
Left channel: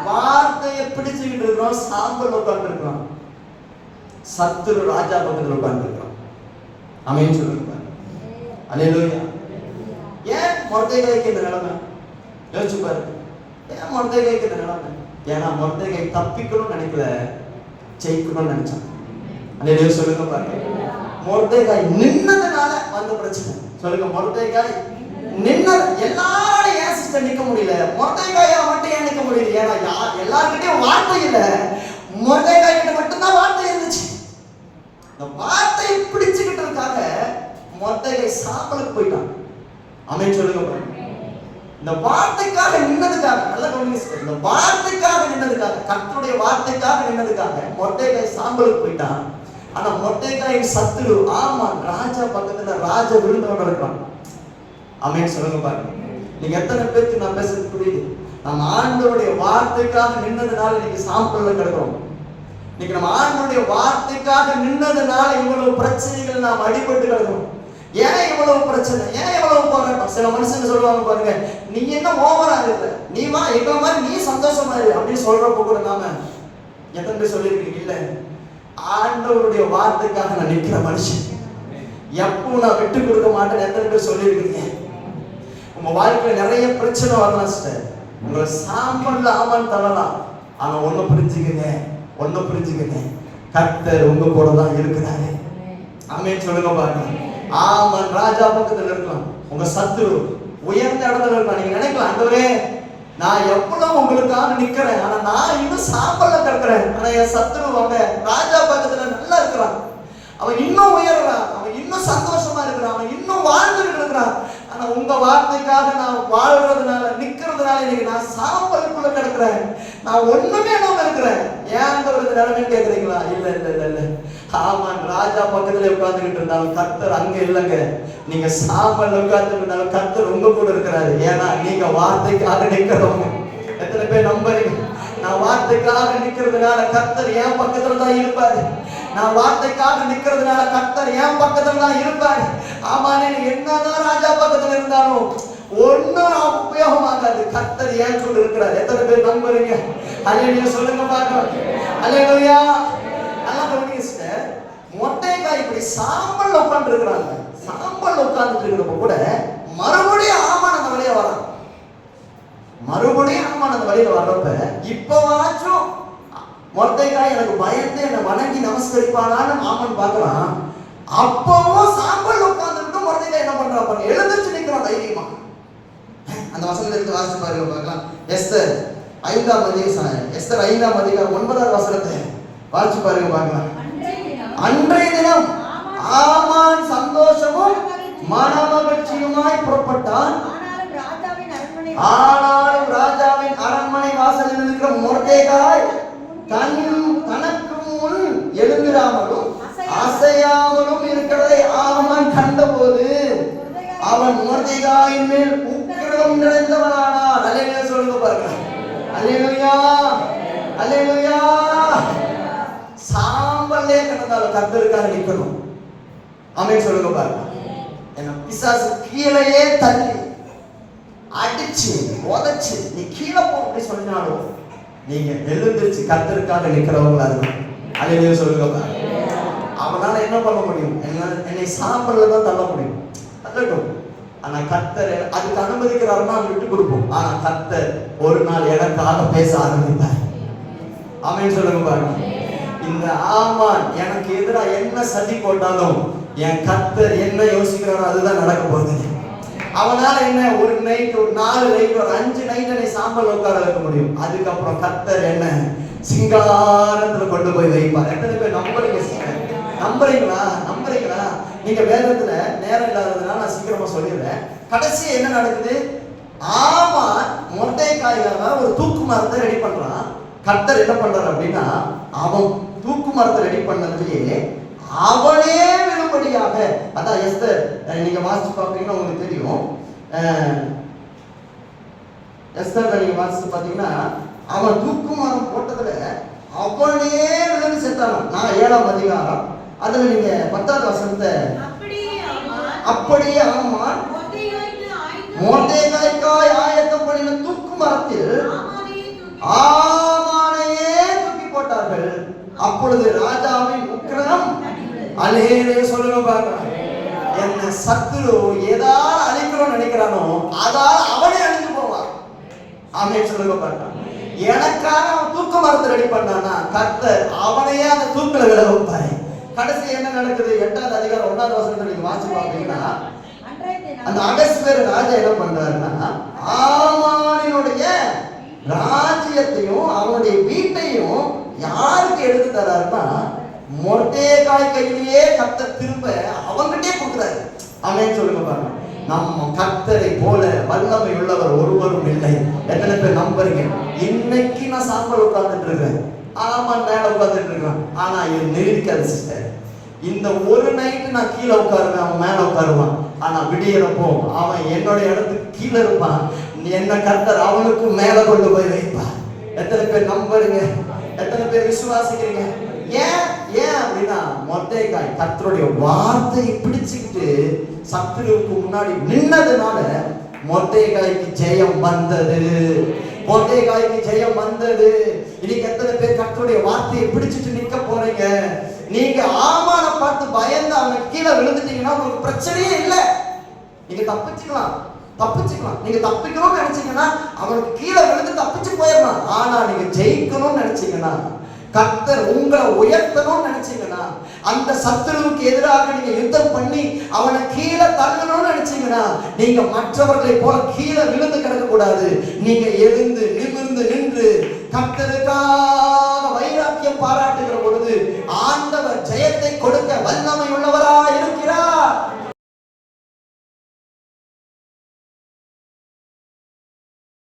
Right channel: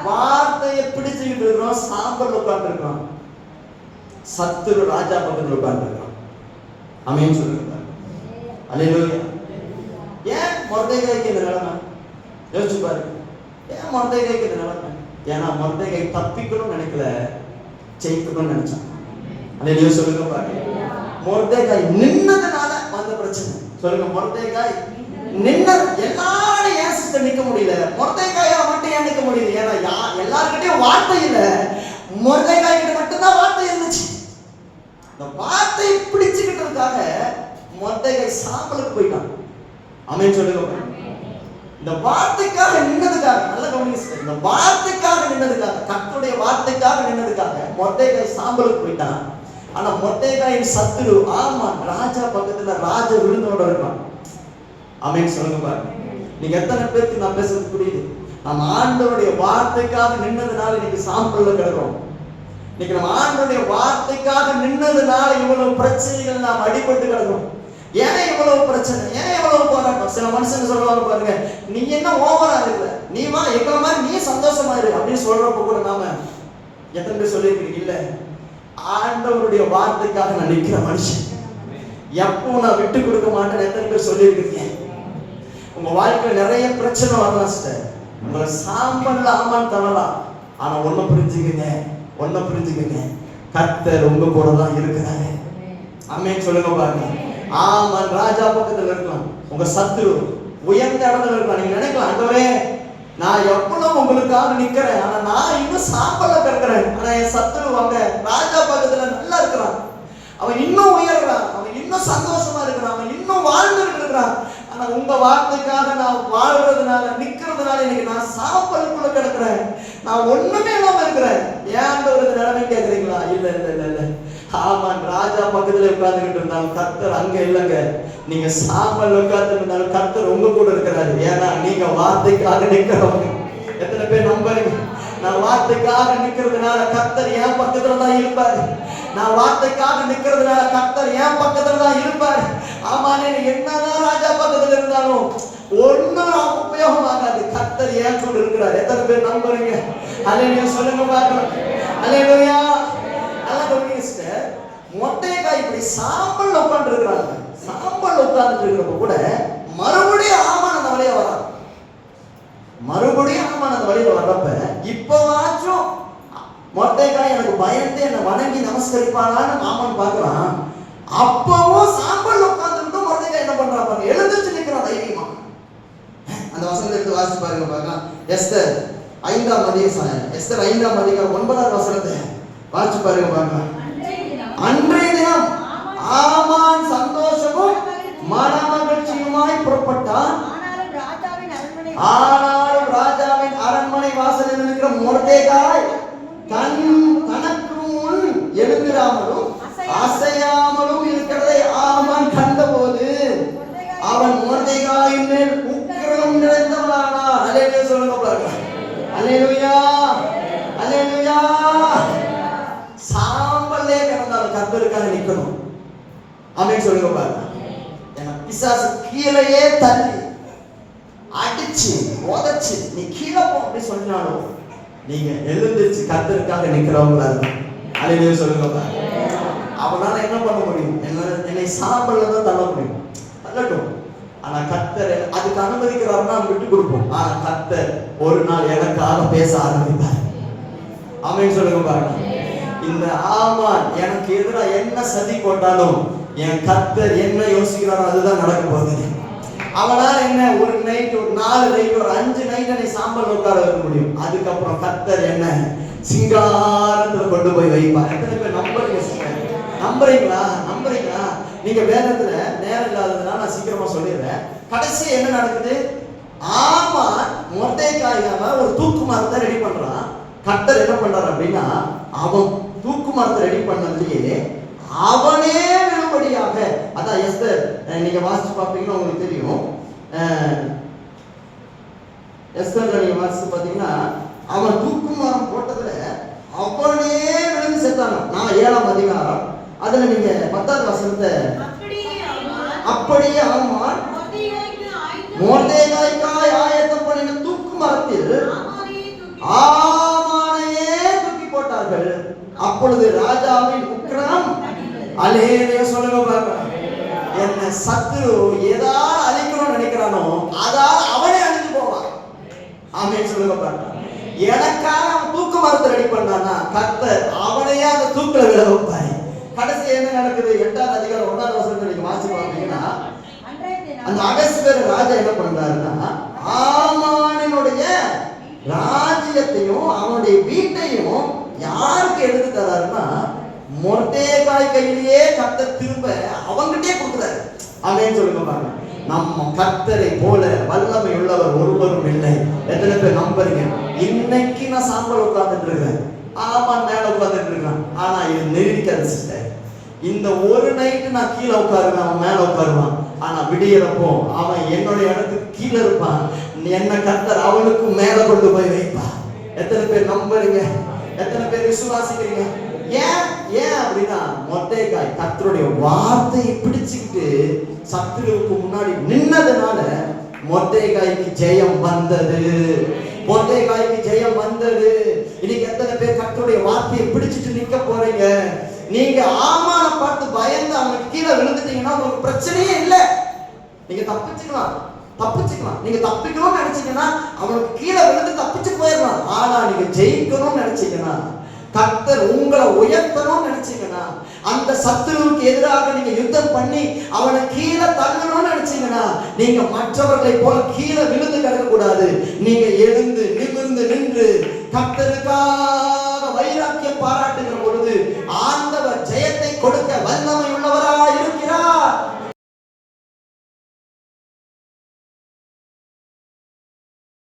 வார்த்தையை பிடிச்சுக்கிட்டு இருக்கோம், சாம்பல் உட்கார்ந்து இருக்கோம், சத்துரு ராஜா பக்கத்தில் உட்கார்ந்து இருக்கோம். ஆமென் சொல்லுங்க பாருங்க. அல்லேலூயா. ஏன் மொர்தெகாய்க்கு இந்த நிலைமை? யோசிச்சு பாருங்க. ஏன் மொர்தெகாய்க்கு இந்த நிலைமை? ஏன்னா மொர்தெகாய் தப்பிக்கணும்னு நினைக்கல, ஜெயிக்கணும்னு நினைச்சான். அல்லேலூயா சொல்லுங்க பாருங்க. மொர்தெகாய் நின்னதுனால வந்த பிரச்சனை. சொல்லுங்க, மொர்தெகாய் நின்ன எல்லாரும் ஏன் சிஸ்டர் நிக்க முடியல? மொர்தெகாயா மட்டும் ஏன் நிக்க முடியல? ஏன்னா எல்லார்கிட்டயும் வார்த்தை இல்ல, மொர்தெகாய் கிட்ட மட்டும்தான் வார்த்தை இருந்துச்சு. இந்த வார்த்தையை பிடிச்சுக்கிட்டதுக்காக மொர்தெகாய் சாம்பலுக்கு போயிட்டான். ஆமென் சொல்லுங்க. இந்த வார்த்தைக்காக நின்னதுக்காக, நல்ல கவனிங்க, இந்த வார்த்தைக்காக நின்னதுக்காக, கர்த்தருடைய வார்த்தைக்காக நின்னதுக்காக மொர்தெகாய் சாம்பலுக்கு போயிட்டான். ஆனா மொர்தெகாயின் சத்துரு ஆமான் ராஜா பக்கத்துல ராஜ விருந்தோட இருக்கான். ஆமென் சொல்லுங்க பாருங்க. நீங்க எத்தனை பேருக்கு நான் பேசுறது புரியுது? நம்ம ஆண்டவருடைய வார்த்தைக்காக நின்னதுனால இன்னைக்கு சாம்பல்ல கிடக்கிறோம். இன்னைக்கு நம்ம ஆண்டவருடைய வார்த்தைக்காக நின்னதுனால இவ்வளவு பிரச்சனைகள் நாம் அடிபட்டு கிடக்கிறோம். ஏன் இவ்வளவு பிரச்சனை, ஏன் இவ்வளவு போராட்டம்? சில மனுஷங்க சொல்லுவாங்க பாருங்க, நீ என்ன ஓவரா இருக்க, நீமா எங்க மாதிரி நீ சந்தோஷமா இரு அப்படின்னு சொல்றப்ப கூட நாம எத்தனை பேர் சொல்லிருக்கீங்க? இல்ல, ஆண்டவருடைய வார்த்தைக்காக நான் நிற்கிற மனுஷன், எப்போ நான் விட்டு கொடுக்க மாட்டேன். எத்தனை பேர் சொல்லியிருக்கீங்க? உங்க வாழ்க்கையில நிறைய பிரச்சனை வரலாம் சார், உங்களை சாம்பல்ல ஆமான் தரலாம். ஆனா ஒண்ணு புரிஞ்சுக்கங்க, கர்த்தர் உங்க கூட தான் இருக்கிறாரு. ஆமென் சொல்லுங்க பாருங்க. ஆமான் ராஜா பக்கத்துல இருக்கலாம், உங்க சத்துரு உயர்ந்த இடத்துல இருக்கலாம். நீங்க நினைக்கலாம், ஆண்டவரே நான் எவ்வளவு உங்களுக்காக நிக்கிறேன், ஆனா நான் இன்னும் சாம்பல்ல கிடக்கிறேன். ஆனா என் சத்துரு அவங்க ராஜா பக்கத்துல நல்லா இருக்கிறான், அவன் இன்னும் உயர்றான், அவன் இன்னும் சந்தோஷமா இருக்கிறான், அவன் இன்னும் வாழ்ந்துட்டு இருக்கிறான். ஆனா உங்க வார்த்தைக்காக நான் வாழ்றதுனால நிக்கிறதுனால இன்னைக்கு நான் சாம்பலுக்குள்ள கிடக்கிறேன், நான் ஒண்ணுமே இல்லாம இருக்கிறேன். ஏன் ஒரு நிலைமை கேட்கிறீங்களா? இல்ல இல்ல இல்ல இல்ல, ஆமான் ராஜா பக்கத்துல உட்கார்ந்துகிட்டு இருந்தாலும் கர்த்தர் அங்க இல்லைங்க. நீங்க சாம்பல் உட்கார்ந்து இருந்தாலும் கர்த்தர் உங்க கூட இருக்கிறாரு. ஏன்னா நீங்க வார்த்தைக்காக நிக்கிறவங்க. எத்தனை பேர் நம்புறீங்க? நான் வார்த்தைக்காக நிக்கிறதுனால கர்த்தர் என் பக்கத்துல தான் இருப்பாரு. நான் வார்த்தைக்காக நிக்கிறதுனால கர்த்தர் என் பக்கத்துல தான் இருப்பாரு. ஆமா, நீங்க என்னதான் ராஜா பக்கத்துல இருந்தாலும் ஒன்னும் உபயோகமாகாது. கர்த்தர் ஏன் கூட இருக்கிறார். எத்தனை பேர் நம்புறீங்க? அல்லேலூயா சொல்லுங்க பாக்கலாம். அல்லேலூயா. நல்லா கவனிங்க சிஸ்டர். மொர்தெகாய் இப்படி சாம்பல் உட்கார்ந்து இருக்கிறாங்க. சாம்பல் உட்கார்ந்து இருக்கிறப்ப கூட மறுபடியும் ஆமான் அந்த வழியா வரான். மறுபடியும் ஆமான் அந்த வழியில வர்றப்ப இப்போவாச்சும் மொர்தெகாய் எனக்கு பயந்து என்னை வணங்கி நமஸ்கரிப்பானான்னு ஆமான் பார்க்கறான். அப்பவும் சாம்பல் உட்கார்ந்துட்டு மொர்தெகாய் என்ன பண்றான் பாருங்க, எழுந்திருச்சு நிற்கிறான் தைரியமா. அந்த வசனத்தை எடுத்து வாசிச்சு பாருங்க பார்க்கலாம். எஸ்தர் 5ஆம் அதிகாரம், எஸ்தர் 5ஆம் அதிகாரம் 9வது வசனத்தை வாசிச்சு பாருங்க பார்க்கலாம். அன்றைய தினம் ஆமான் சந்தோஷமும் மனமகிழ்ச்சியுமாய் புறப்பட்டான். ஆனாலும் ராஜாவின் அரண்மனை வாசலில் இருக்கிற மொர்தெகாய் தனக்கு முன் எழுந்திராமலும் அசையாமலும் இருக்கிறதை ஆமான் கண்டபோது அவன் மொர்தெகாயின் மேல் உக்கிரம் நிறைந்தவனானான். அல்லேலூயா சொல்லுங்க பாருங்க. அல்லேலூயா, அல்லேலூயா. சாம்பல்லே கிடந்தாலும் கர்த்தருக்காக நிற்கணும். ஆமென் சொல்லுங்க பாருங்க. ஏன்னா பிசாசு கீழேயே தள்ளி அடிச்சு உதைச்சு நீ கீழே போ அப்படி சொன்னாலும் நீங்க எழுந்திருச்சு கர்த்தருக்காக நிக்கிறவங்களா இருக்கு. அல்லேலூயா சொல்லுங்க பாருங்க. அவனால என்ன பண்ண முடியும்? என்னை சாம்பல்ல தான் தள்ள முடியும், தள்ளட்டும். ஆனா கர்த்தர் அதுக்கு அனுமதிக்கிறாருன்னா விட்டு கொடுப்போம். ஆனா கர்த்தர் ஒரு நாள் எனக்காக பேச ஆரம்பித்தார். ஆமென் சொல்லுங்க பாருங்க. இந்த ஆமான் எனக்கு எதிராக என்ன சதி போட்டாலும் என் கர்த்தர் என்ன யோசிக்கிறாரோ அதுதான் நடக்க போகுது. அவனால என்ன ஒரு நைட், ஒரு 4 நைட், ஒரு 5 நைட் என்னை சாம்பல் உட்கார வைக்க முடியும். அதுக்கப்புறம் கர்த்தர் என்ன சிங்காரத்துல கொண்டு போய் வைப்பார். எத்தனை பேர் நம்புறீங்களா? நம்புறீங்களா? நீங்க வேதத்துல நேரம் இல்லாததுனால நான் சீக்கிரமா சொல்லிடுறேன். கடைசி என்ன நடக்குது? ஆமா, மொர்தெகாயால ஒரு தூக்கு மரத்தை ரெடி பண்றான். கர்த்தர் என்ன பண்றாரு அப்படின்னா, அவன் தூக்கு மரத்தை ரெடி பண்ணதுலயே அவனே விழும்படியாக, அதான் எஸ்தர் நீங்க வாசிச்சு பாப்பீங்கன்னா உங்களுக்கு தெரியும். எஸ்தர்ல நீங்க வாசிச்சு பாத்தீங்கன்னா அவன் தூக்கு மரம் போட்டதுல அவனே விழுந்து செத்தானோ. நான் 7ஆம் அதிகாரம் அதுல நீங்க 10வது வசனத்தை, அப்படியே ஆமான் மொர்தெகாய்க்காய் ஆயத்தம் பண்ணின தூக்கு மரத்தில் ஆமானையே தூக்கி போட்டார்கள். அப்பொழுது ராஜாவின் உக்கிரம், அல்லேலூயா சொல்லுங்க பார்க்கலாம். என்ன சத்துரு எதா அழிக்கணும்னு நினைக்கிறானோ அதான் அவனே அழிஞ்சு போவான். ஆமென் சொல்லுங்க பார்க்கலாம். எனக்காக அவன் தூக்கு மரத்தை ரெடி பண்ணானா கர்த்தர் அவனையே அந்த தூக்குல விழ வைப்பாரு. கடைசி என்ன நடக்குது? 8ஆம் அதிகாரம் 1வது வசனத்தை நீங்க வாசிச்சு பாத்தீங்கன்னா, அந்த அகஸ்வேரு ராஜா என்ன பண்றாருன்னா ஆமானினுடைய ராஜ்யத்தையும் அவனுடைய வீட்டையும் யாருக்கு எடுத்து தராருன்னா மொர்தெகாய் கையிலேயே கர்த்தர் திரும்ப அவங்கிட்டே கொடுக்குறாரு. ஆமென் சொல்லுங்க பாருங்க. நம்ம கர்த்தரை போல வல்லமை உள்ளவர் ஒருவரும் இல்லை. எத்தனை பேர் நம்புறீங்க? இன்னைக்கு நான் சாம்பல் உட்கார்ந்துட்டு இருக்கேன், ஆமா மேல உட்கார்ந்துட்டு இருக்கேன், ஆனா இது நிரூபிக்காது சிஸ்டர். இந்த ஒரு நைட்டு நான் கீழே உட்காருவேன், அவன் மேல உட்காருவான். ஆனா விடியறப்போ அவன் என்னுடைய இடத்துக்கு கீழே இருப்பான், என்ன கர்த்தர் அவனுக்கு மேல கொண்டு போய் வைப்பான். எத்தனை பேர் நம்புறீங்க? எத்தனை பேர் விசுவாசிக்கிறீங்க? ஏன் ஏன் அப்படின்னா மொர்தெகாய் கர்த்தருடைய வார்த்தையை பிடிச்சுக்கிட்டு சத்துருவுக்கு முன்னாடி நின்னதுனால மொர்தெகாய்க்கு ஜெயம் வந்தது. மொர்தெகாய்க்கு ஜெயம் வந்தது. இன்னைக்கு எத்தனை பேர் கர்த்தருடைய வார்த்தையை பிடிச்சிட்டு நிக்க போறீங்க? நீங்க ஆமான பார்த்து பயந்து அவங்க கீழே விழுந்துட்டீங்கன்னா உங்களுக்கு பிரச்சனையே இல்லை. நீங்க தப்பிச்சுக்கலாம். நீங்க தப்பிக்கணும்னு நினைச்சீங்கன்னா அவனுக்கு கீழே விழுந்து தப்பிச்சு போயிடலாம். ஆனா நீங்க ஜெயிக்கணும்னு நினைச்சீங்கன்னா, கர்த்தர் உங்களை உயர்த்தணும்னு நினைச்சீங்கன்னா, அந்த சத்துருவுக்கு எதிராக நீங்க யுத்தம் பண்ணி அவனை கீழே தள்ளணும்னு நினைச்சீங்கன்னா, நீங்க மற்றவர்களை போல கீழே விழுந்து கிடக்க கூடாது. நீங்க எழுந்து நிமிர்ந்து நின்று கர்த்தருக்காக வைராக்கியம் பாராட்டுகிற பொழுது